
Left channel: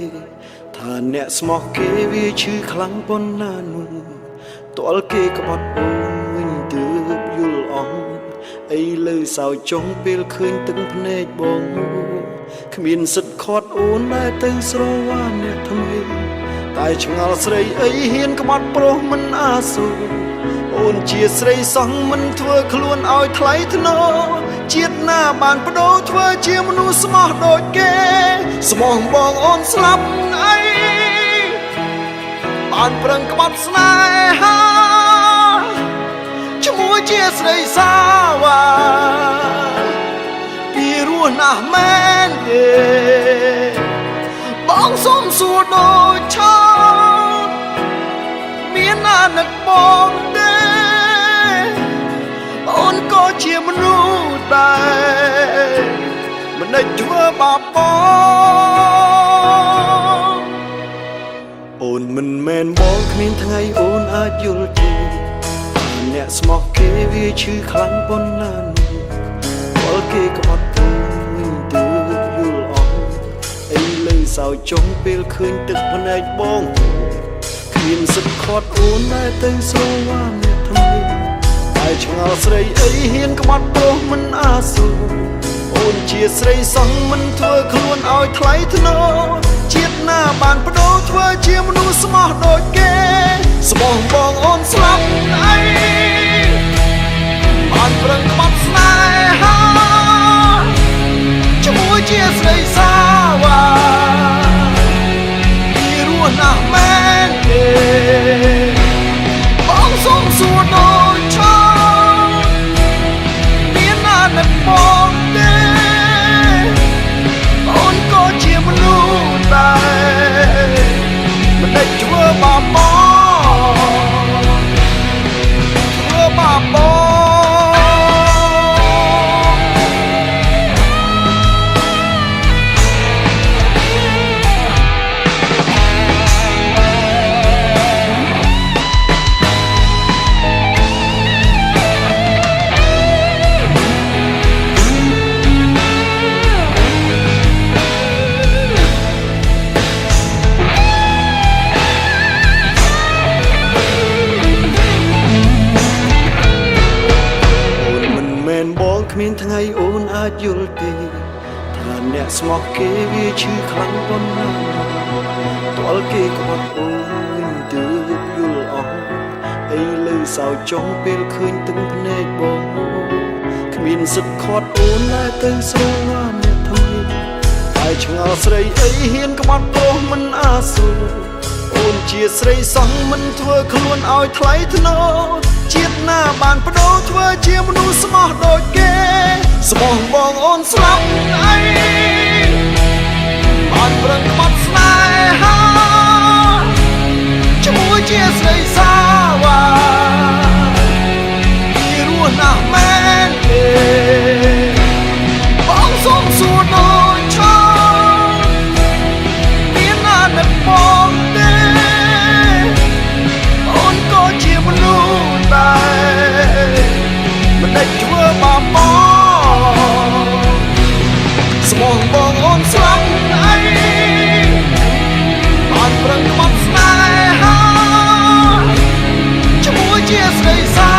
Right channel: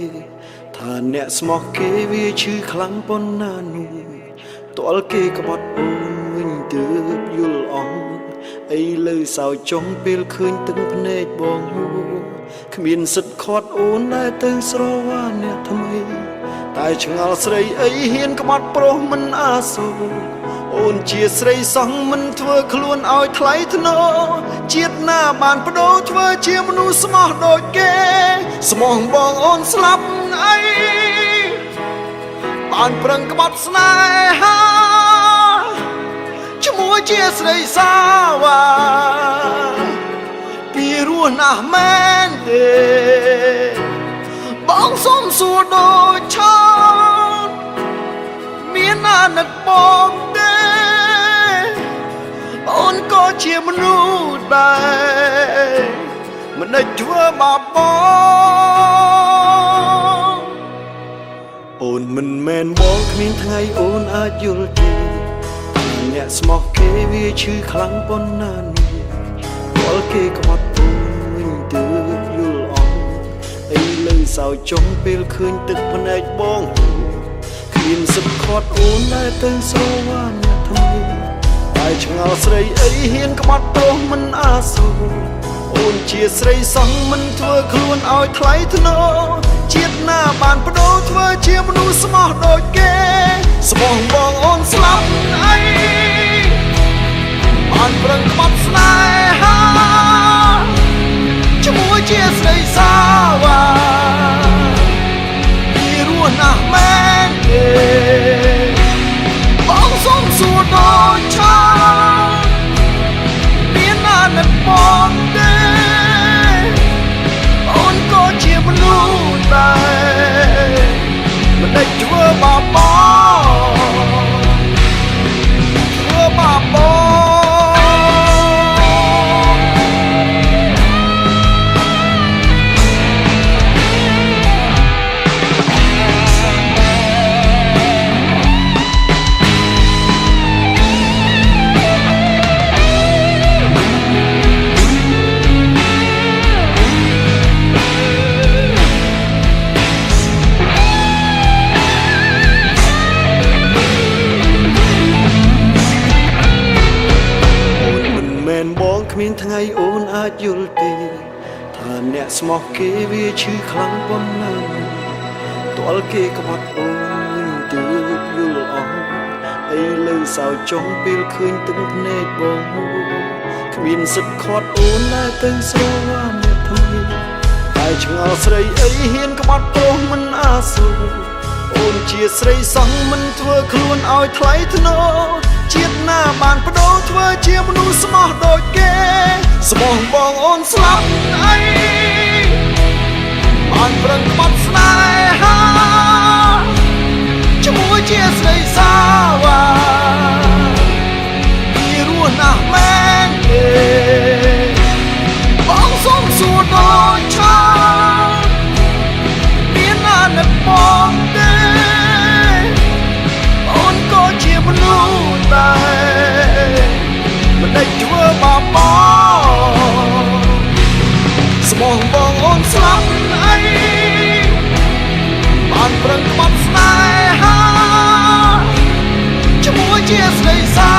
ថាអ្នកស្មោះគេវាឈឺខ្លាំងប៉ុណ្ណានោះទាល់គេក្បត់អូនវិញទើបយល់អស់អីលើសោចចុងពេលឃើញទឹកភ្នែកបងហូរ គ្មានសិទ្ធខត់អូនដែលទៅស្រវាអ្នកថ្មីតែឆ្ងល់ស្រីអីហ៊ានក្បត់ប្រុសមិនអាសូរអូនជាស្រីសង្ឃមិនធ្វើខ្លួនឲ្យថ្លៃថ្នូរជាតិណាបានបដូរធ្វើជាមនុស្សស្មោះដូចគេស្មោះបងអូនស្លាប់អីបានប្រឹងក្បត់ស្នេហាឈ្មោះជាស្រីសាវ៉ាពីរស់ណាស់មែនទេបងសុំសួរដូចឆោតមានណានឹកបងទេអូនក៏ជាមនុស្សដែរមិនដេចធ្វើបាបបងអូនមិនមែនបងគ្មានថ្ងៃអូនអាចយល់ទេអ្នកស្មោះគេវាឈឺខ្លាំងប៉ុណ្ណានេះវល់គេក្បត់អូនវិញទើបយល់អស់អីលើសោចុងពេលឃើញទឹកភ្នែកបងគ្មានសិទ្ធខាត់អូនដែលទៅស្រវាអ្នកថ្មីតែឆ្ងល់ស្រីអីហ៊ានក្បត់ប្រុសមិនអាសូរអូនជាស្រីសង្ឃមិនធ្វើខ្លួនឲ្យថ្លៃថ្នូរជាតិណាបានបដូរធ្វើជាមនុស្សស្មោះដូចគេស្មោះបងអូនស្លាប់អីបានប្រឹងក្បត់ស្នេហាឈ្មោះជាស្រីសាវ៉ាពីរស់ណាស់មែនទេបងសុំសួរដូចឆោតមានណានឹកបងទេអូនក៏ជាមនុស្សដែរមិនដេចធ្វើបាបបងធ្វើបាបបងបងគ្មានថ្ងៃអូនអាចយល់ទេថាអ្នកស្មោះគេវាឈឺខ្លាំងប៉ុណ្ណាទាល់គេក្បត់អូនវិញទើបយល់អស់អីលើសោចុងពេលឃើញទឹកភ្នែកបងគ្មានសិទ្ធខាត់អូនដែលទៅស្រវាអ្នកថ្មីតែឆ្ងល់ស្រីអីហ៊ានក្បត់ប្រុសមិនអាសូរអូនជាស្រីសង្ឃមិនធ្វើខ្លួនឲ្យថ្លៃថ្នូរជាតិណាបានបដូរធ្វើជាមនុស្សស្មោះដូចគេស្មោះបងអូនស្លាប់អីបានប្រឹងក្បត់ស្នេហាឈ្មោះជាស្រីសាវ៉ាពីរស់ណាស់មែនទេបងសុំសួរដូចឆោតមានណានឹកបងទេអូនក៏ជាមនុស្សដែរមិនដេចធ្វើបាបបងស្មោះបងអូនស្លាប់អីបានប្រឹងក្បត់ស្នេហាឈ្មោះជាស្រីសា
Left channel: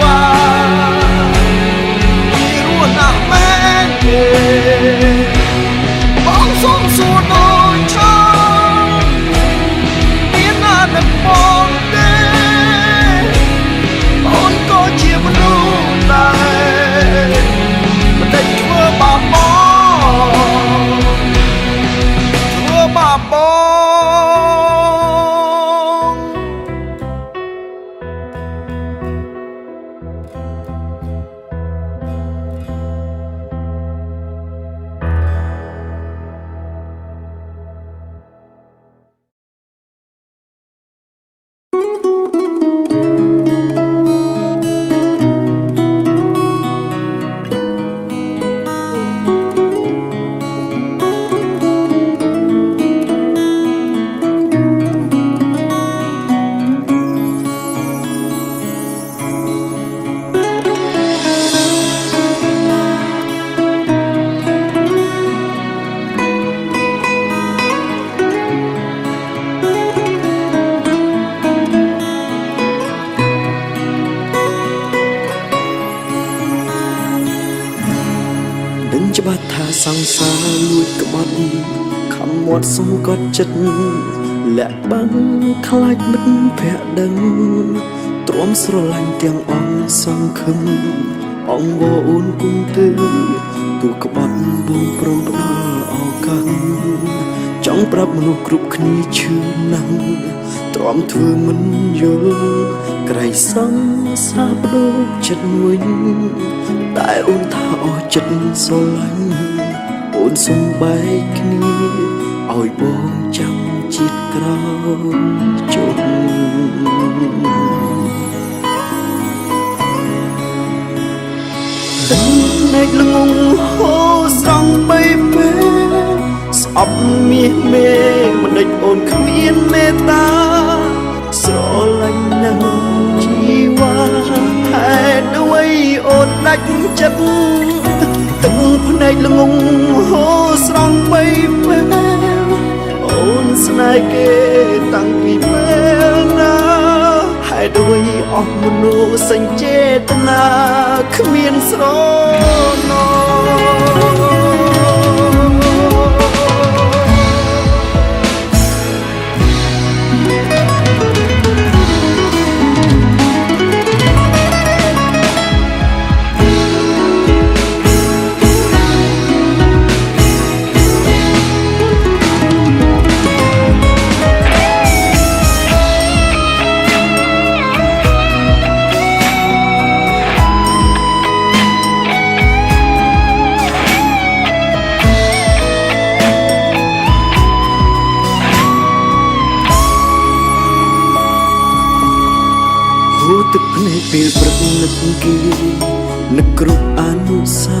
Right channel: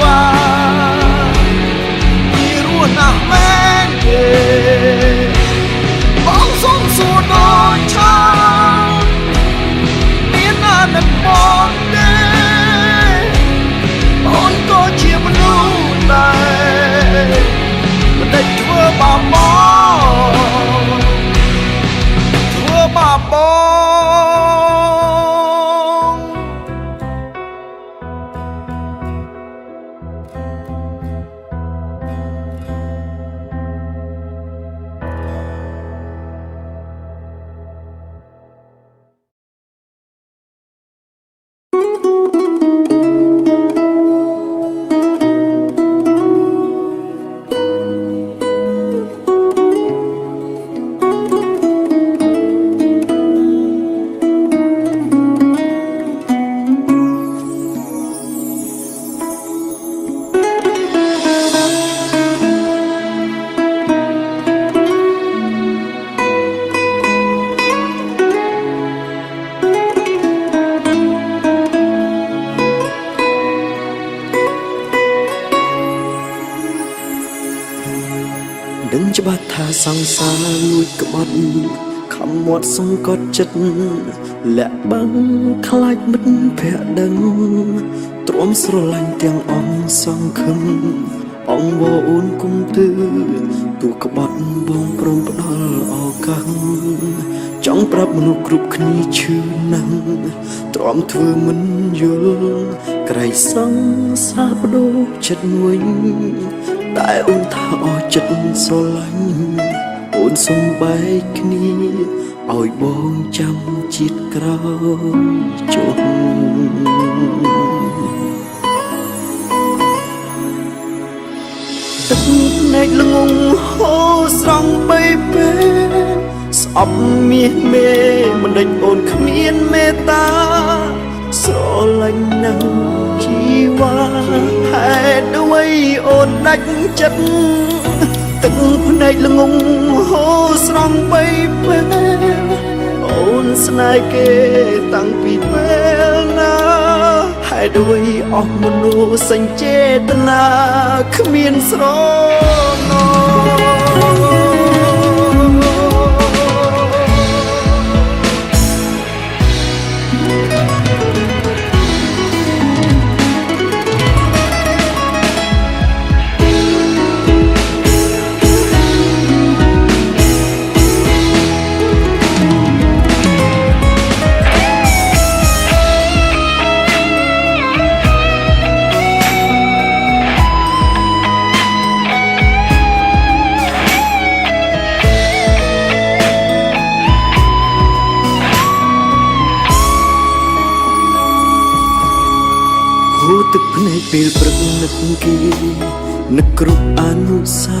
វ៉ាពីរស់ណាស់មែនទេបងសុំសួរដូចឆោតមានណានឹកបងទេអូនក៏ជាមនុស្សដែរមិនដេចធ្វើបាបបងធ្វើបាបបង ដឹងច្បាស់ថាសង្សារលួចក្បត់ខំមាត់សង្កត់ចិត្តលាក់បាំងខ្លាចមិត្តភក្តិដឹងទ្រាំស្រឡាញ់ទាំងអង្គសង្ឃឹមអង្គវអូនគុំទើទូក្បត់បងព្រមផ្ដល់ឱកាសចង់ប្រាប់មនុស្សគ្រប់គ្នាឈឺណាស់ទ្រាំធ្វើមិនយល់ក្រៃសង្សារបដូរចិត្តវិញតែអូនថាអស់ចិត្តស្រឡាញ់អូនសំបែកគ្នាឲ្យបងចាំជាតិក្រោយជុំទឹកភ្នែកល្ងងហូរស្រង់បីពេលស្អប់មាសមេមិនដេចអូនគ្មានមេត្តាស្រឡាញ់ណាស់ជីវ៉ាហេតុអ្វីអូនដាច់ចិត្តទឹកភ្នែកល្ងងហូរស្រង់បីពេលអូនស្នេហ៍គេតាំងពីពេលណាហេតុអ្វីអស់មនោសញ្ចេតនាគ្មានស្រណោទឹកភ្នែកពេលព្រឹកនឹកគេនឹកគ្រប់អនុសា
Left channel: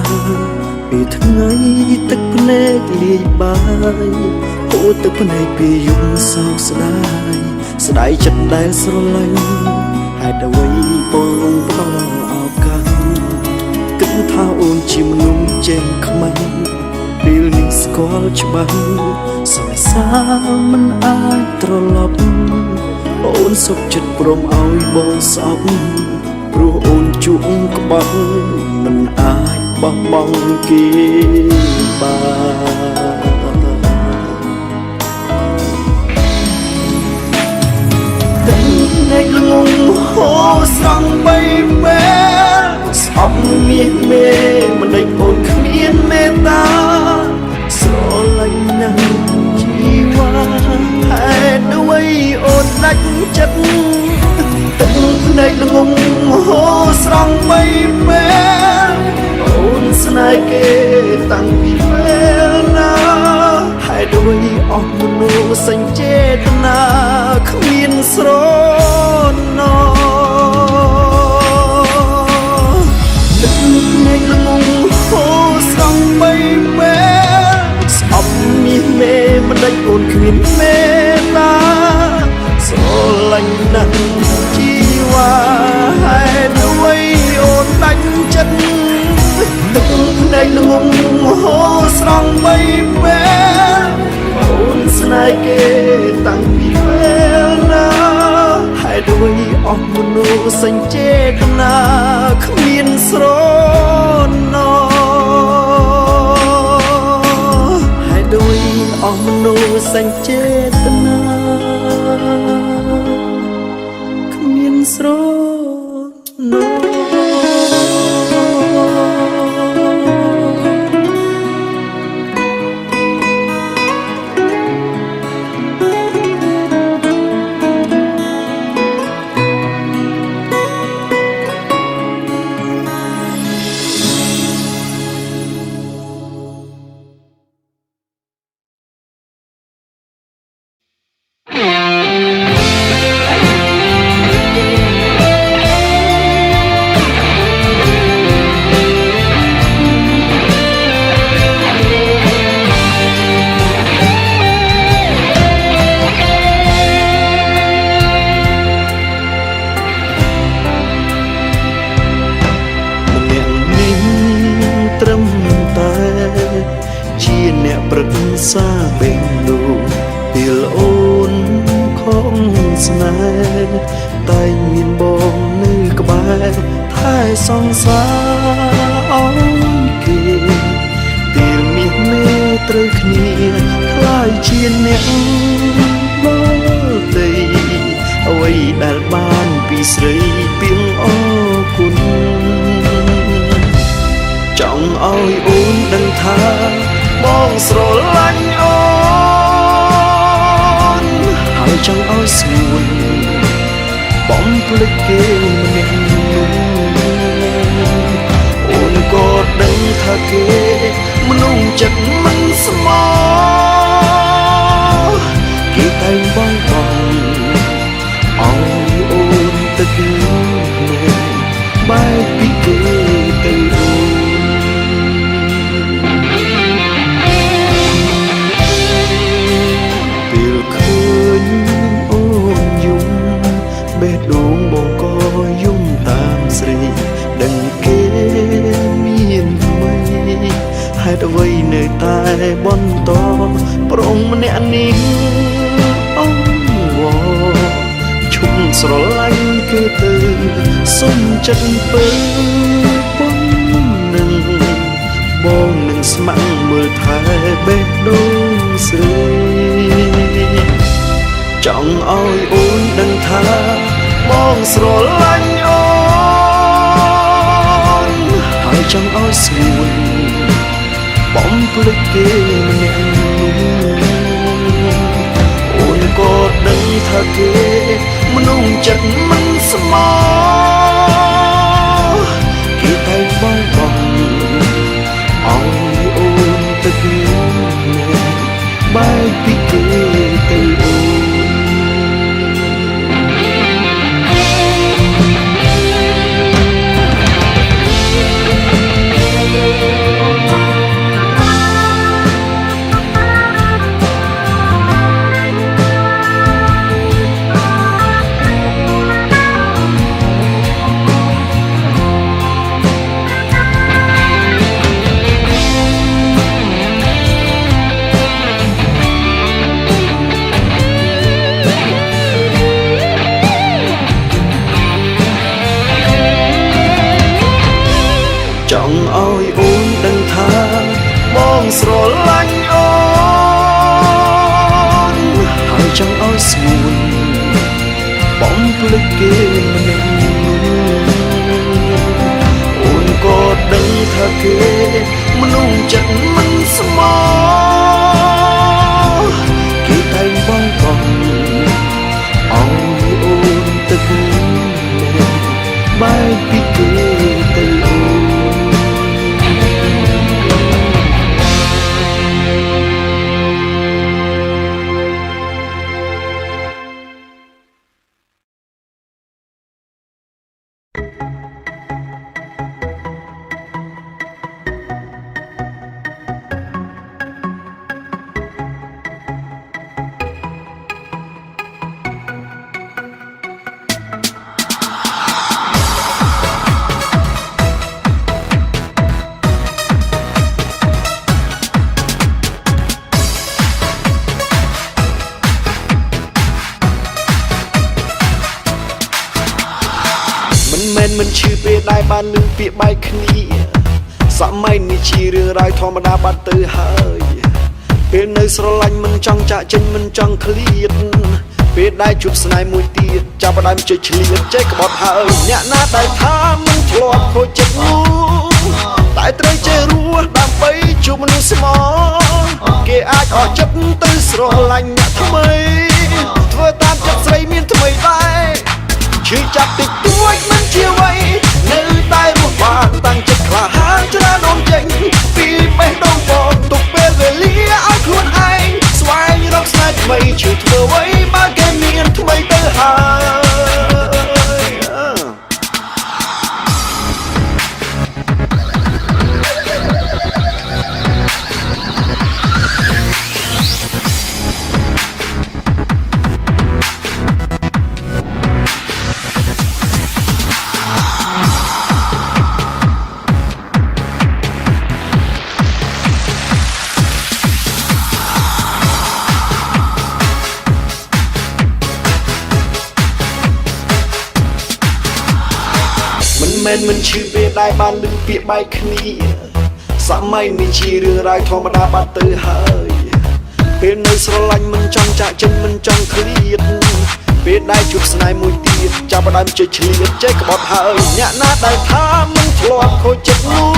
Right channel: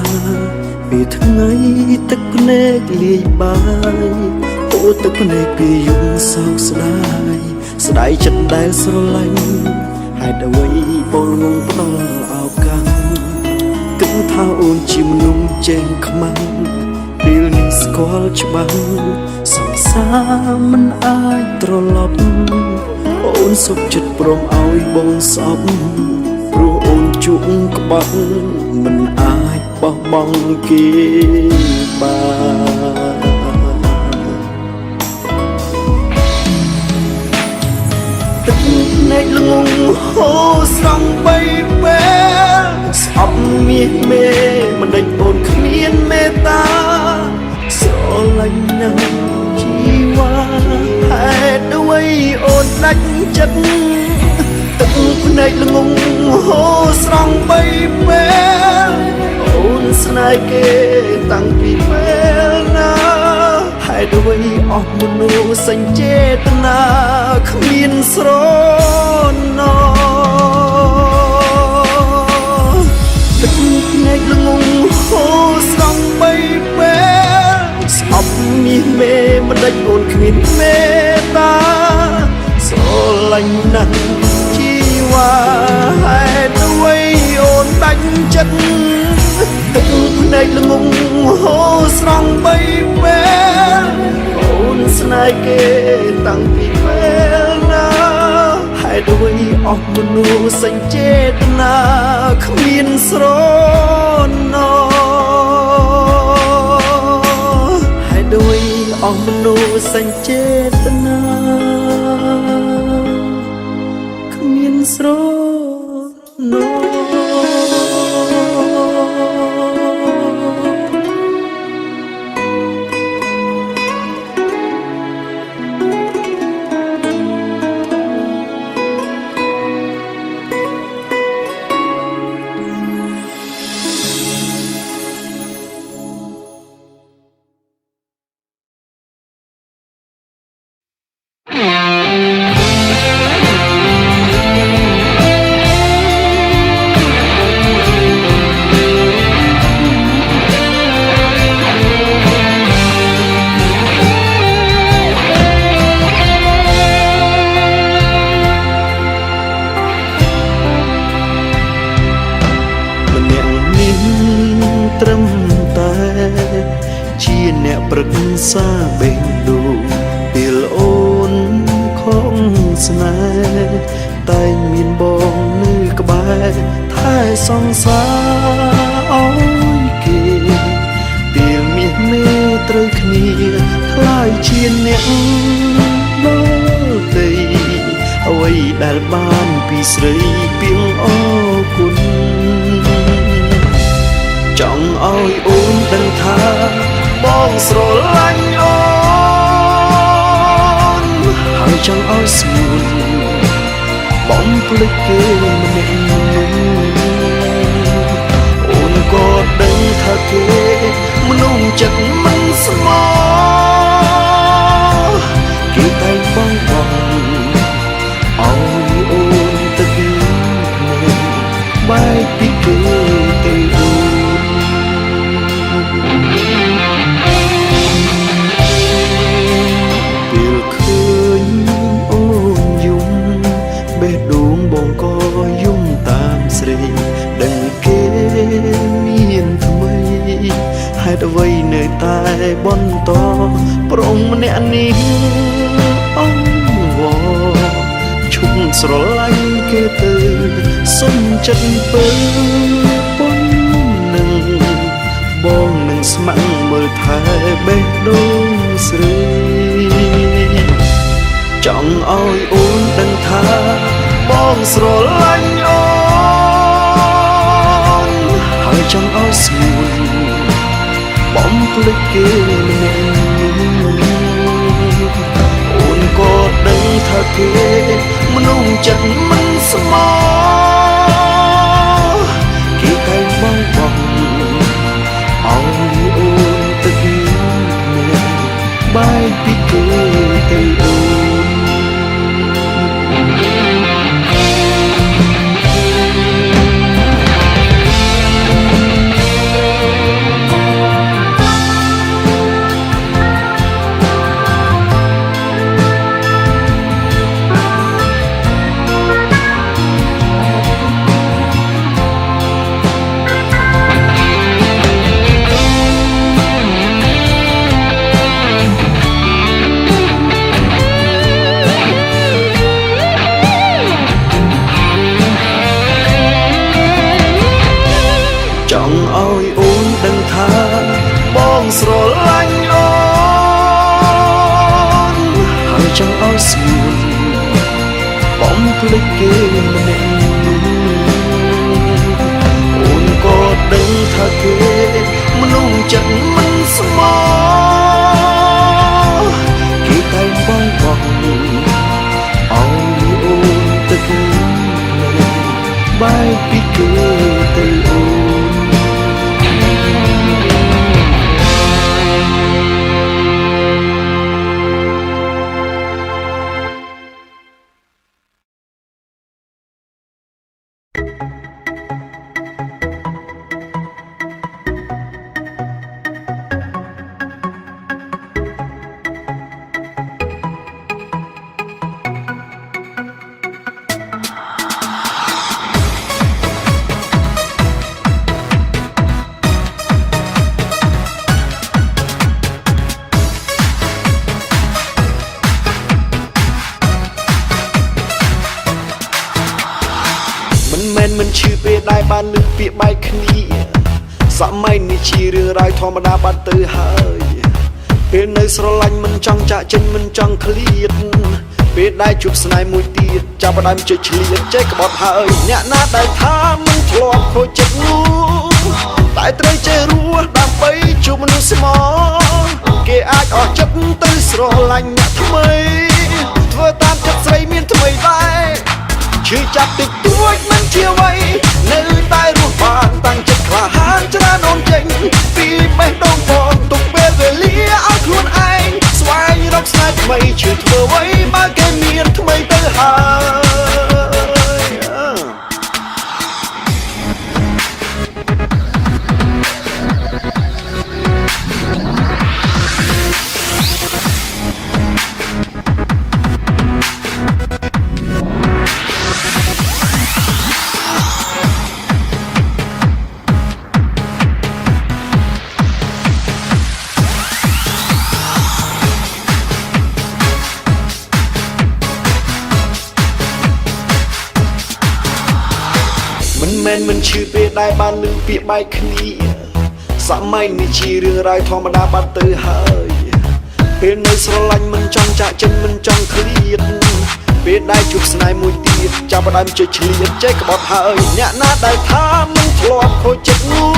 ពេលថ្ងៃទឹកភ្នែកលាយបាយអូទឹកភ្នែកពេលយប់សោកស្ដាយស្ដាយចិត្តដែលស្រឡាញ់ហេតុអ្វីបងងងផ្ដល់ឱកាសគិតថាអូនជាមនុស្សចេងខ្មាំងពេលនេះស្គាល់ច្បាស់សង្សារមិនអាចត្រឡប់អូនសុខចិត្តព្រមឲ្យបងស្អប់ព្រោះអូនជក់ក្បត់មិនអាចបោះបង់គេបានទឹកភ្នែកល្ងងហូរស្រង់បីពេលស្អប់មាសមេមិនដេចអូនគ្មានមេត្តាស្រឡាញ់ណាស់ជីវ៉ាហេតុអ្វីអូនដាច់ចិត្តទឹកភ្នែកល្ងងហូរស្រង់បីពេលអូនស្នេហ៍គេតាំងពីពេលណាហេតុអ្វីអស់មនោសញ្ចេតនាគ្មានស្រណោទឹកភ្នែកល្ងងហូរស្រង់បីពេលស្អប់មាសមេមិនដេចអូនគ្មានមេត្តាស្រឡាញ់ណាស់ជីវ៉ាហេតុអ្វីអូនដាច់ចិត្តទឹកភ្នែកល្ងងហូរស្រង់បីពេលអូនស្នេហ៍គេតាំងពីពេលណាហេតុអ្វីអស់មនោសញ្ចេតនាគ្មានស្រណោហេតុអ្វីអស់មនោសញ្ចេតនាគ្មានស្រណោត្រឹមតែជាអ្នកប្រឹក្សាបេងដូងពេលអូនខំស្នេហ៍តែមានបងនៅក្បែរថែសង្សារឲ្យគេ មេត្រូវគ្នាខ្លាយជាអ្នកដទៃអ្វីដែលបានពីស្រីពីងអរគុណចង់ឲ្យអូនដឹងថាបងស្រឡាញ់អូនហើយចង់ឲ្យស្ងួនបំភ្លេចគេម្នាក់នោះអូនក៏ដឹងថាគេមនុស្សចិត្តមិនស្មោះគេតែងបងឲ្យអូនទឹកភ្នែកបែកពីគេទៅអូនពេលឃើញអូនយំបេះដូងបងក៏យំតាមស្រីដឹងគេមានថ្មីហេតុអ្វីនៅតែបន្តប្រុងម្នាក់នេះអង្វរឈប់ស្រឡាញ់គេទៅសុំចិត្តពើប៉ុននឹងបងនឹងស្ម័គ្រមើលថែបេះដូងស្រីចង់ឲ្យអូនដឹងថាបងស្រឡាញ់អូនហើយចង់ឲ្យស្ងួនបំភ្លេចគេម្នាក់នោះអូនក៏ដឹងថាគេមនុស្សចិត្តមិនស្មោះគេតែងបងឲ្យអូនទឹកភ្នែកបែកពីគេទៅអូនចង់ឲ្យអូនដឹងថាបងស្រឡាញ់អូនហើយចង់ឲ្យស្ងួនបំភ្លេចគេម្នាក់នោះអូនក៏ដឹងថាគេមនុស្សចិត្តមិនស្មោះគេតែងបងឲ្យអូនទឹកភ្នែកបែកពីគេទៅអូនមិនឈឺពេលដែលបានឮពាក្យបែកគ្នាសម័យនេះជារឿងរ៉ាវធម្មតាបាត់ទៅហើយពេលនៅស្រឡាញ់មិនចង់ចាក់ចេញមិនចង់ឃ្លាតពេលដែលជួបស្នេហ៍មួយទៀតចាប់ផ្ដើមជិះឆ្លៀតចេះក្បត់ហើយអ្នកណាដែលថាមិនធ្លាប់ខូចចិត្តនោះតែត្រូវចេះរស់ដើម្បីជួបមនុស្សស្មោះគេអាចអស់ចិត្តទៅស្រឡាញ់អ្នកថ្មីធ្វើតាមចិត្តស្រីមានថ្មីដែរឈឺចាប់តិចតួចមិនជាអ្វីនៅតែរស់បានតាំងចិត្តក្លាហានច្រើនអូនចេញពីបេះដូងបងទុកពេលវេលាឲ្យខ្លួនឯងស្វែងរកស្នេហ៍ថ្មីឈឺធ្វើអ្វីបើគេមានថ្មីទៅហើយមិនឈឺពេលដែលបានឮពាក្យបែកគ្នាស សម័យនេះជារឿងរ៉ាវធម្មតាបាត់ទៅហើយពេលនៅស្រឡាញ់មិនចង់ចាក់ចេញមិនចង់ឃ្លាតពេលដែលជួបស្នេហ៍មួយទៀតចាប់ផ្ដើមជិះឆ្លៀតចេះក្បត់ហើយអ្នកណាដែលថាមិនធ្លាប់ខូចចិត្តនោះ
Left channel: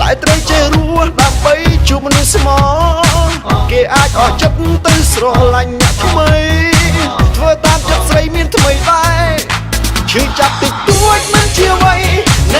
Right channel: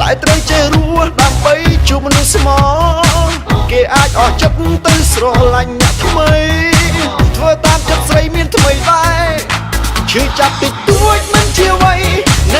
តែត្រូវចេះរស់ដើម្បីជួបមនុស្សស្មោះគេអាចអស់ចិត្តទៅស្រឡាញ់អ្នកថ្មីធ្វើតាមចិត្តស្រីមានថ្មីដែរឈឺចាប់តិចតួចមិនជាអ្វីណែ